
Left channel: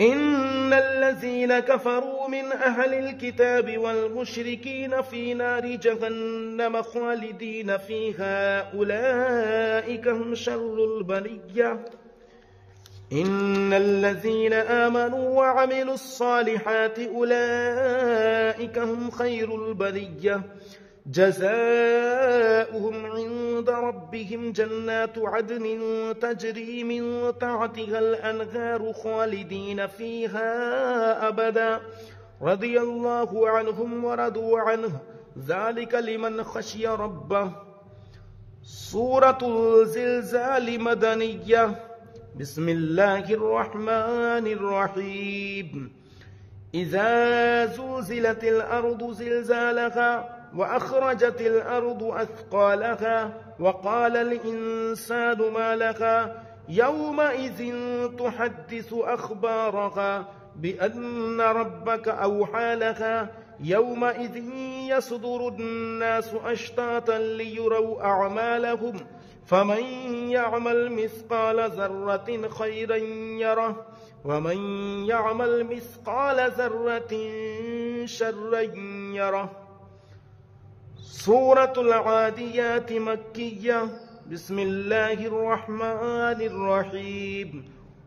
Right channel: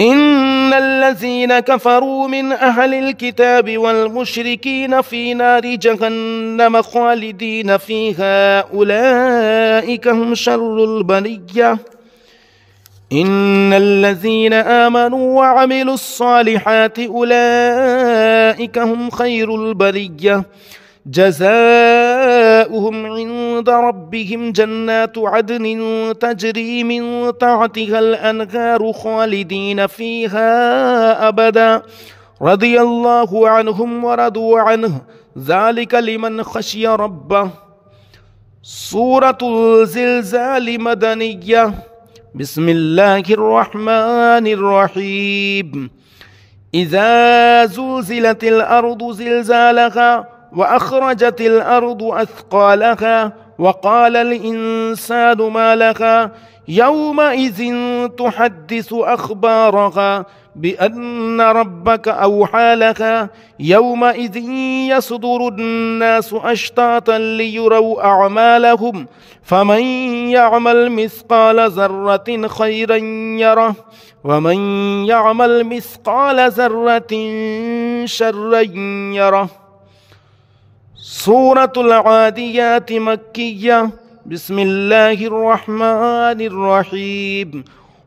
إن الذين كفروا من أهل الكتاب والمشركين في نار جهنم خالدين فيها أولئك هم شر البرية إن الذين آمنوا وعملوا الصالحات أولئك هم خير البرية جزاؤهم عند ربهم جنات عدن تجري من تحتها الأنهار خالدين فيها أبدا رضي الله عنهم ورضوا عنه ذلك لمن خشي ربه. سورة الزلزال مدنية. بسم الله الرحمن الرحيم إذا زلزلت الأرض زلزالها وأخرجت الأرض أثقالها وقال الإنسان ما لها يومئذ تحدث أخبارها بأن ربك أوحى لها يومئذ يصدر الناس أشتاتا ليروا أعمالهم فمن يعمل مثقال ذرة خيرا يره ومن يعمل مثقال ذرة شرا يره. سورة العاديات مكية. بسم الله الرحمن الرحيم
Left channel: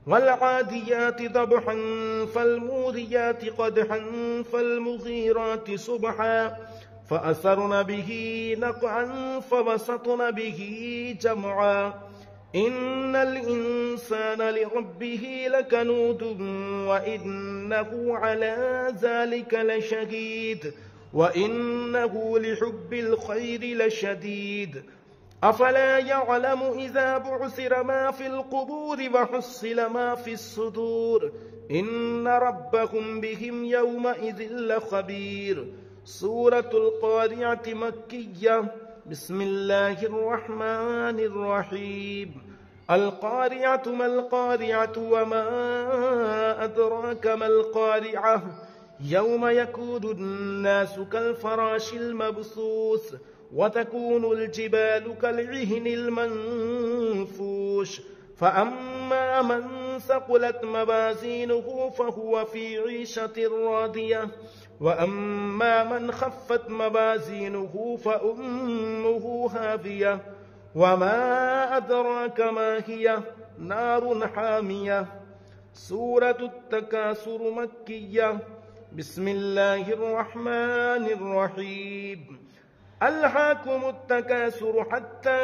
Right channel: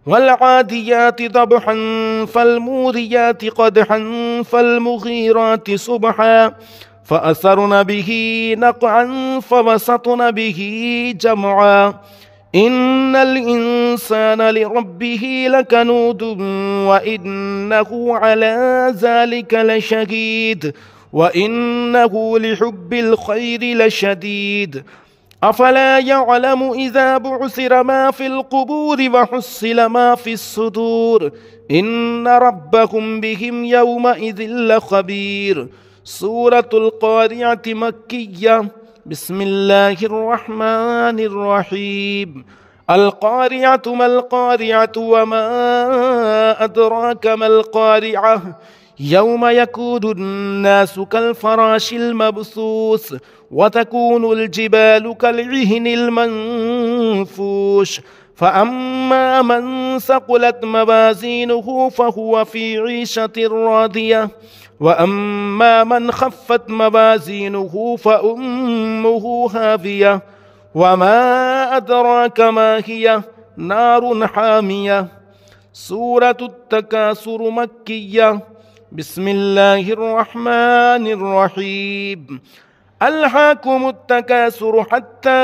والعاديات ضبحا فالموريات قدحا فالمغيرات صبحا فأثرن به نقعا فوسطن به جمعا إن الإنسان لربه لكنود وإنه على ذلك لشهيد وإنه لحب الخير لشديد أفلا يعلم إذا بعثر ما في القبور وحصل ما في الصدور إن ربهم بهم يومئذ لخبير. سورة القارعة مكية. بسم الله الرحمن الرحيم القارعة ما القارعة وما أدراك ما القارعة يوم يكون الناس كالفراش المبثوث وتكون الجبال كالعهن المنفوش فأما من ثقلت موازينه فهو في عيشة راضية وأما من خفت موازينه فأمه هاوية وما أدراك ما هي نار حامية. سورة التكاثر مكية. بسم الله الرحمن الرحيم. ألهاكم التكاثر حتى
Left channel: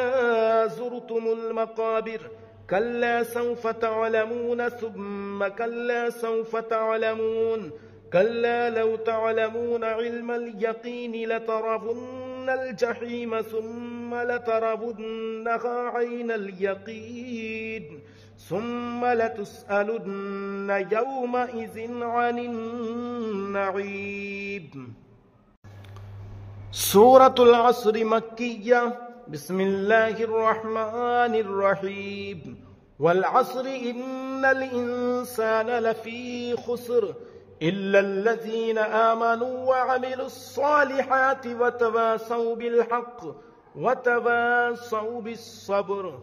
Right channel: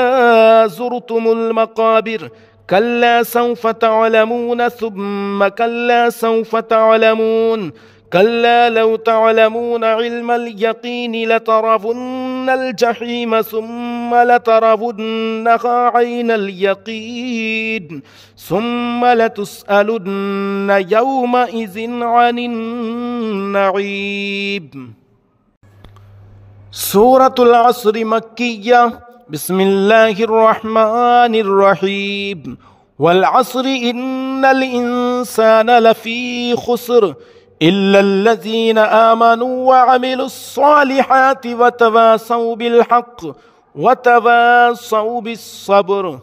زرتم المقابر كلا سوف تعلمون ثم كلا سوف تعلمون كلا لو تعلمون علم اليقين لترون الجحيم ثم لترونها عين اليقين ثم لتسألن يومئذ عن النعيم. سورة العصر مكية. بسم الله الرحمن الرحيم. والعصر إن الإنسان لفي خسر إلا الذين آمنوا وعملوا الصالحات وتواصوا بالحق وتواصوا بالصبر.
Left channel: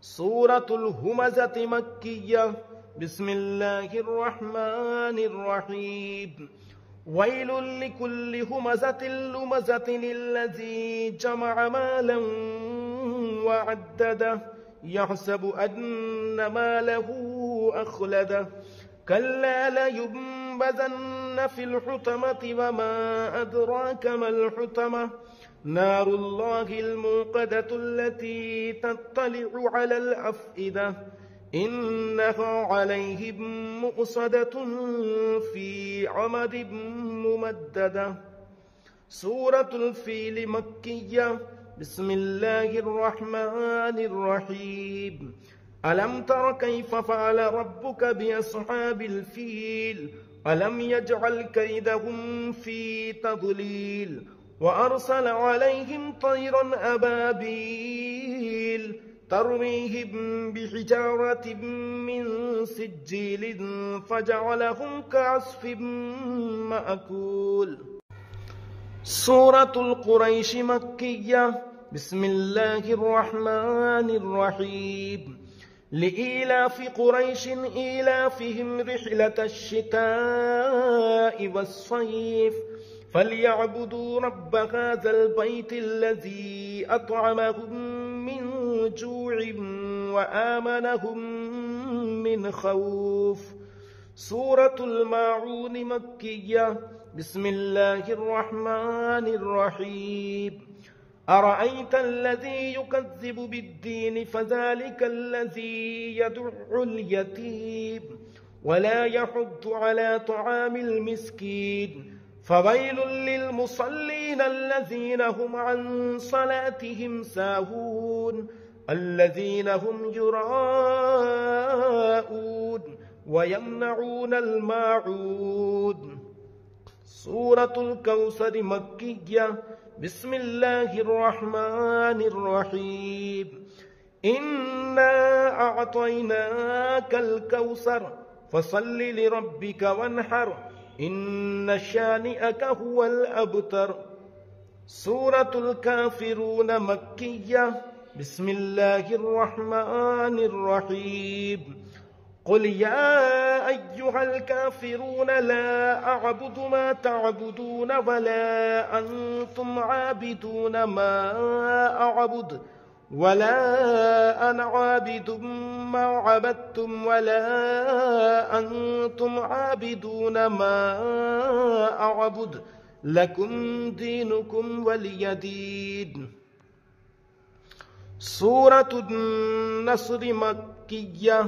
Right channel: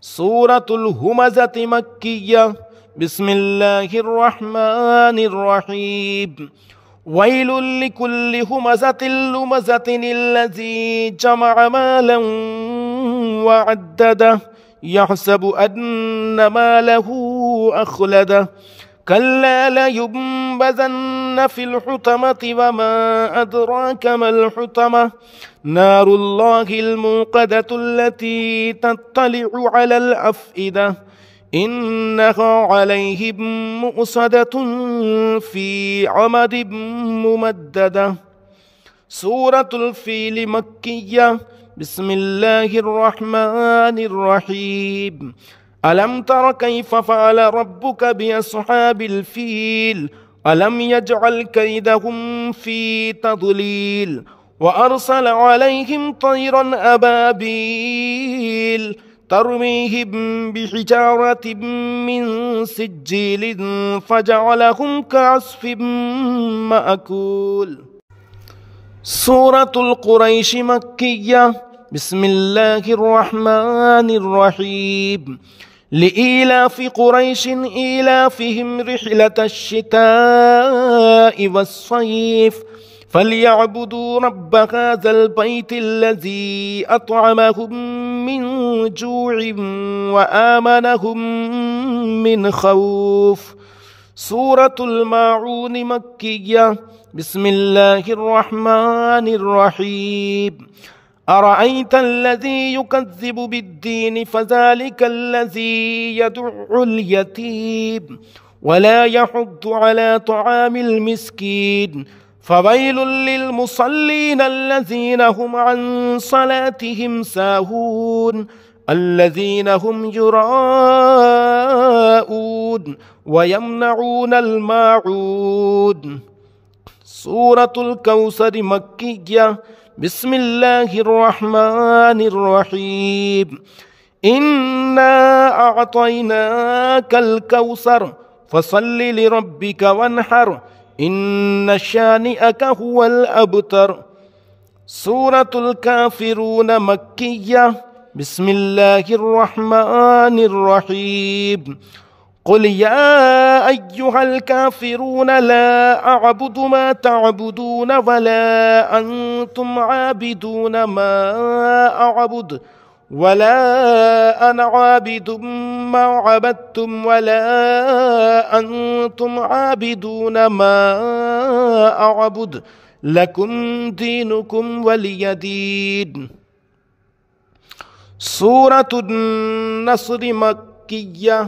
سورة الهمزة مكية. بسم الله الرحمن الرحيم. ويل لكل همزة لمزة الذي جمع مالا وعدده يحسب أن ماله أخلده كلا لينبذن في الحطمة وما أدراك ما الحطمة نار الله الموقدة التي تطلع على الأفئدة إنها عليهم مؤصدة في عمد ممددة. سورة الفيل مكية. بسم الله الرحمن الرحيم. ألم تر كيف فعل ربك بأصحاب الفيل ألم يجعل كيدهم في تضليل وأرسل عليهم طيرا أبابيل ترميهم بحجارة من سجيل فجعلهم كعصف مأكول. سورة القريش مكية. بسم الله الرحمن الرحيم. لإيلاف قريش إيلافهم رحلة الشتاء والصيف فليعبدوا رب هذا البيت الذي أطعمهم من جوع وآمنهم من خوف. سورة الماعون مكية. بسم الله الرحمن الرحيم. أرأيت الذي يكذب بالدين فذلك الذي يدع اليتيم ولا يحض على طعام المسكين فويل للمصلين الذين هم عن صلاتهم ساهون الذين هم يراءون ويمنعون الماعون. سورة الكوثر مكية. بسم الله الرحمن الرحيم. إنا أعطيناك الكوثر فصل لربك وانحر إن شانئك هو الأبتر. سورة الكافرون مكية. بسم الله الرحمن الرحيم. قل يا أيها الكافرون لا أعبد ما تعبدون ولا أنتم عابدون ما أعبد ولا أنا عابد ما عبدتم ولا أنتم عابدون ما أعبد لكم دينكم ولي دين. سورة النصر مكية.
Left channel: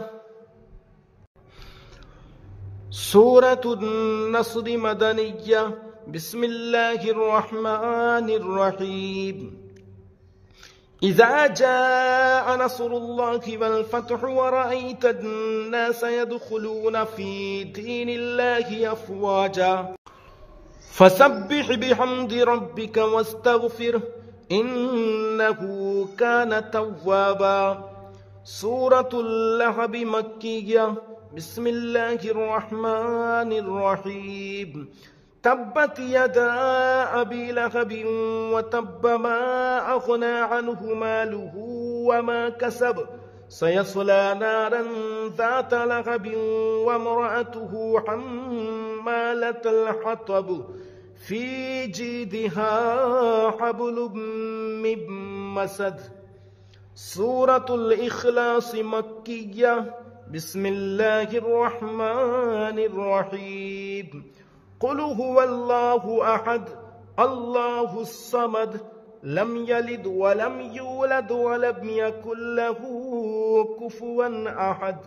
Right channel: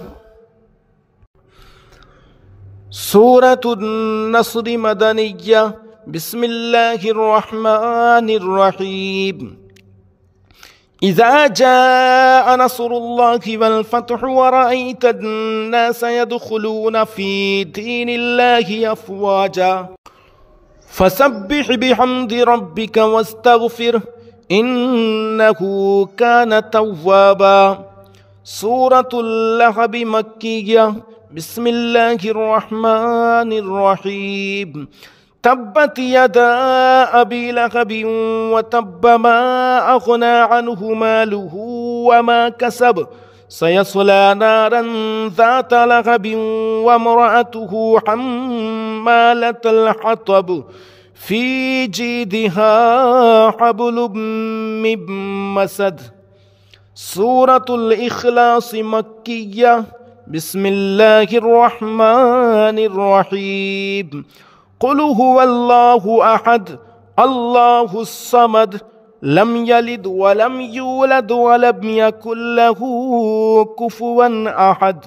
سورة النصر مدنية. بسم الله الرحمن الرحيم. إذا جاء نصر الله والفتح ورأيت الناس يدخلون في دين الله أفواجا فسبح بحمد ربك واستغفره إنه كان توابا. سورة اللهب مكية. بسم الله الرحمن الرحيم. तब्बत यदा अबी लहब वतब्ब मा अग़ना अन्हु मालुहु वमा कसब सयस्ला नारन ज़ात लहब वम्रअतुहु हम्मालतल हतब फ़ी जीदिहा हब्लुम मिन मसद। सूरतुल इख़लास मक्किय्या। बिस्मिल्लाहिर रहमानिर रहीम। क़ुल हुवल्लाहु अहद अल्लाहुस समद लम यलिद वलम यूलद वलम यकुल लहू कुफुवन अहद।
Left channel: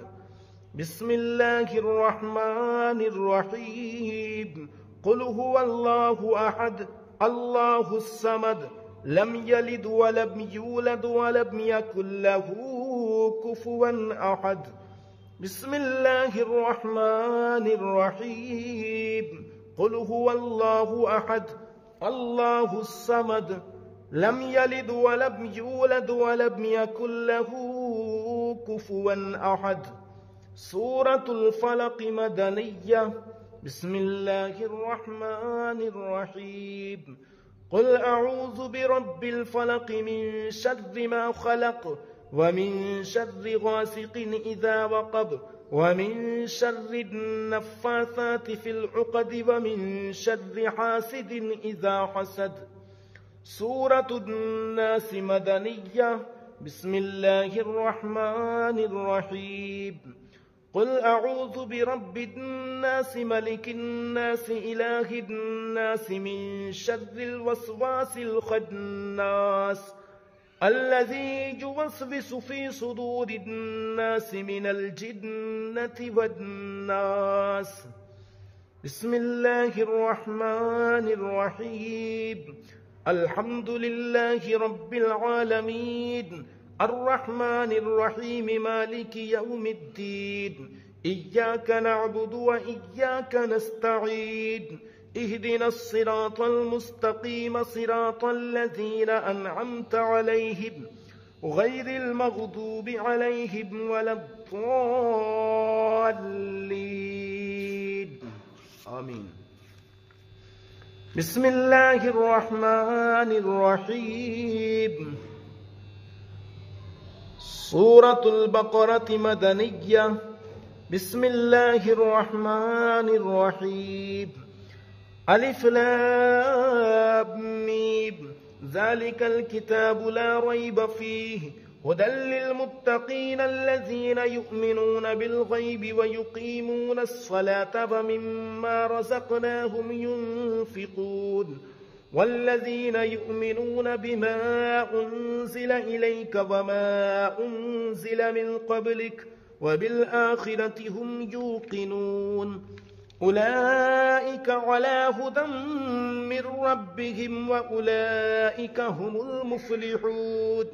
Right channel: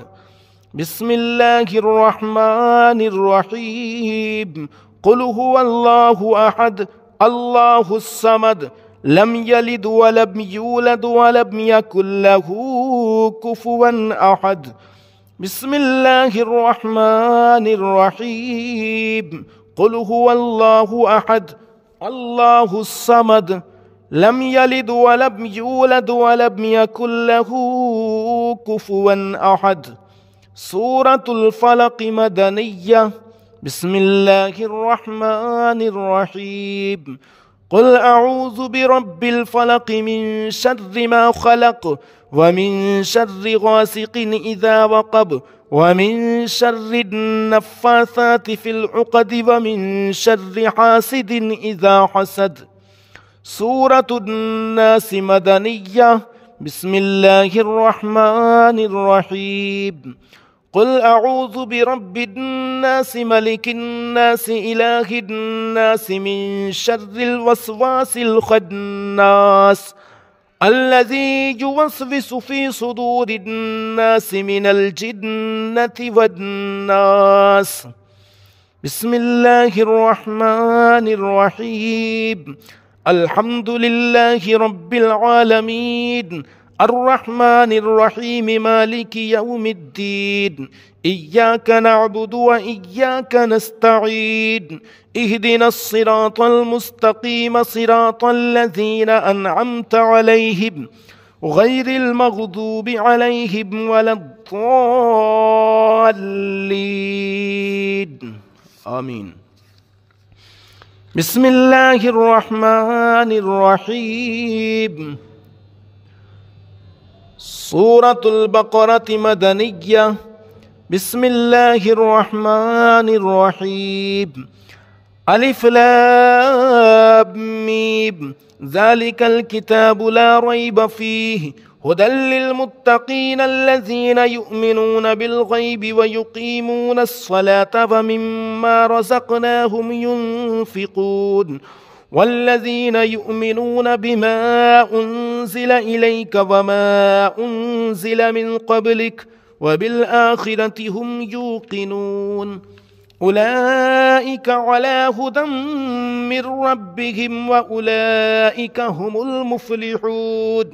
बिस्मिल्लाहिर रहमानिर रहीम। क़ुल हुवल्लाहु अहद अल्लाहुस समद लम यलिद वलम यूलद वलम यकुल लहू कुफुवन अहद। बिस्मिल्लाहिर रहमानिर रहीम। क़ुल हुवल्लाहु अहद अल्लाहुस समद लम यलिद वलम यूलद वलम यकुल लहू कुफुवन अहद। सूरतुल फलक़ मदनिय्या। बिस्मिल्लाहिर रहमानिर रहीम। क़ुल अऊज़ु बिरब्बिल फ़लक़ मिन शर्रि मा ख़लक़ व मिन शर्रि गासिक़िन इज़ा वक़ब व मिन शर्रि नफ़्फ़ासाति फ़िल उक़द व मिन शर्रि हासिदिन इज़ा हसद। सूरतुन नास मदनिय्या। बिस्मिल्लाहिर रहमानिर रहीम। क़ुल अऊज़ु बिरब्बिन नास मलिकिन नास इलाहिन नास मिन शर्रिल वस्वासिल ख़न्नास अल्लज़ी युवस्विसु फ़ी सुदूरिन नास मिनल जिन्नति वन्नास। बिस्मिल्लाहिर रहमानिर रहीम। अल्हम्दुलिल्लाहि रब्बिल आलमीन अर्रहमानिर रहीम मालिकि यौमिद्दीन इय्याका नअबुदु व इय्याका नस्तईन इहदिनस सिरातल मुस्तक़ीम सिरातल लज़ीना अनअमत अलैहिम गैरिल मग़दूबि अलैहिम वलद्दाल्लीन। आमीन। बिस्मिल्लाहिर रहमानिर रहीम। सूरतुल बक़रह मदनिय्या। बिस्मिल्लाहिर रहमानिर रहीम। अलिफ लाम मीम ज़ालिकल किताबु ला रैब फ़ीहि हुदल लिल मुत्तक़ीन अल्लज़ीना युमिनून बिल ग़ैबि व युक़ीमूनस स्वलाता व मिम्मा रज़क़नाहुम युन्फ़िक़ून वल्लज़ीना युमिनून बिमा उन्ज़िल इलैका वमा उन्ज़िल मिन क़ब्लिक व बिल आख़िरति हुम यूक़िनून उलाइका अला हुदम मिर रब्बिहिम व उलाइका हुमुल मुफ़्लिहून।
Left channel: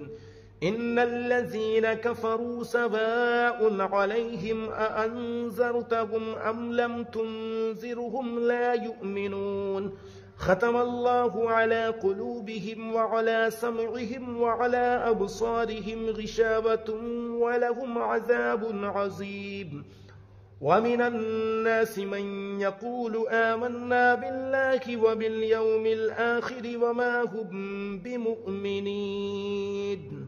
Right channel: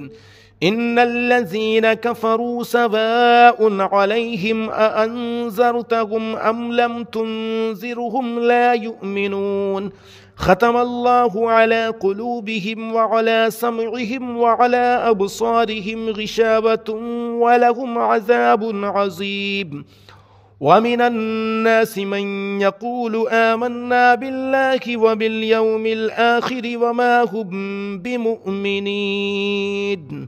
इन्नल्लज़ीना कफ़रू सवाउन अलैहिम अअन्ज़रतहुम अम लम तुन्ज़िरहुम ला युमिनून। ख़तमल्लाहु अला क़ुलूबिहिम व अला समइहिम व अला अब्सारिहिम ग़िशावतुन व लहुम अज़ाबुन अज़ीम। वमिनन नासि मन यक़ूलु आमन्ना बिल्लाहि व बिल यौमिल आख़िरि व मा हुम बिमुअ्मिनीन।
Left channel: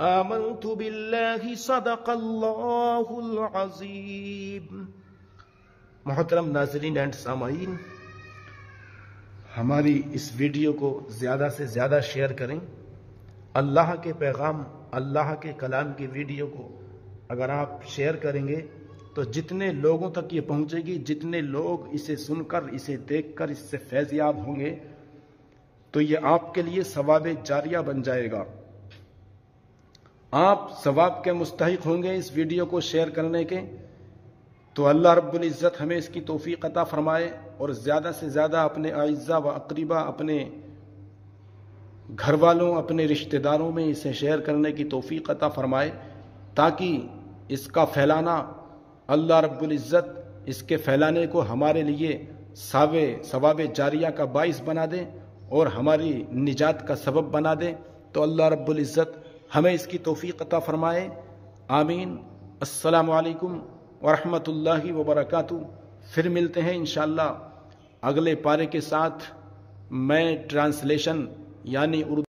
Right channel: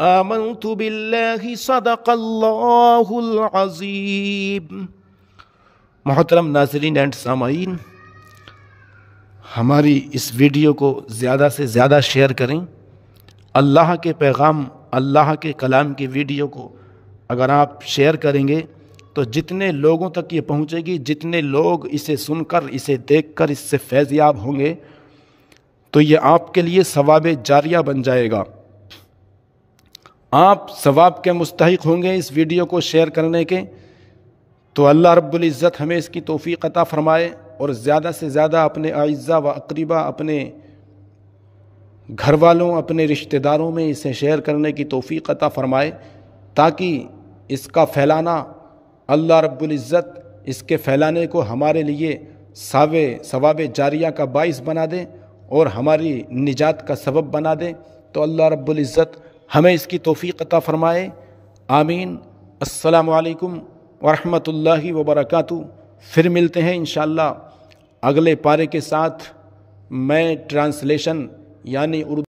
आमन्तु बिल्लाहि सदक़ल्लाहुल अज़ीम। मोहतरम नाज़रीन एंड सामाईन, हमारी इस वीडियो को ज़्यादा से ज़्यादा शेयर करें। अल्लाह के पैगाम, अल्लाह के कलाम की वीडियो को अगर आप शेयर करेंगे तो जितने लोगों तक ये पहुँचेगी, जितने लोग इसे सुनकर, इसे देखकर इससे फैज़याब होंगे, तो ये आपके लिए सवाब जारिया बन जाएगा। आप सवाब के मुस्तहिक होंगे इस वीडियो को शेयर करने के। तो अल्लाह रब्बुल इज़्ज़त हमें इसकी तौफ़ीक़ अता फ़रमाए और ज़्यादा से ज़्यादा अपने आइज़ा व अक़रीबा, अपने घर वालों, अपने रिश्तेदारों में इसे शेयर करने की तौफ़ीक़ अता फ़रमाए, ताकि इसका फैलाना, अल्लाह रब्बुल इज़्ज़त इसके फैलाने को हमारे लिए सवाब जारिया का बाइस बना दें और हमारी निजात का सबब बना दें। तो अल्लाह रब्बुल इज़्ज़त हमें इसकी तौफ़ीक़ अता फ़रमाए। आमीन। अस्सलामु अलैकुम व रहमतुल्लाहि व बरकातुहू। फिर मिलते हैं इंशाअल्लाह अगले पारे के साथ मैं ट्रांसलेशन यानी उर्दू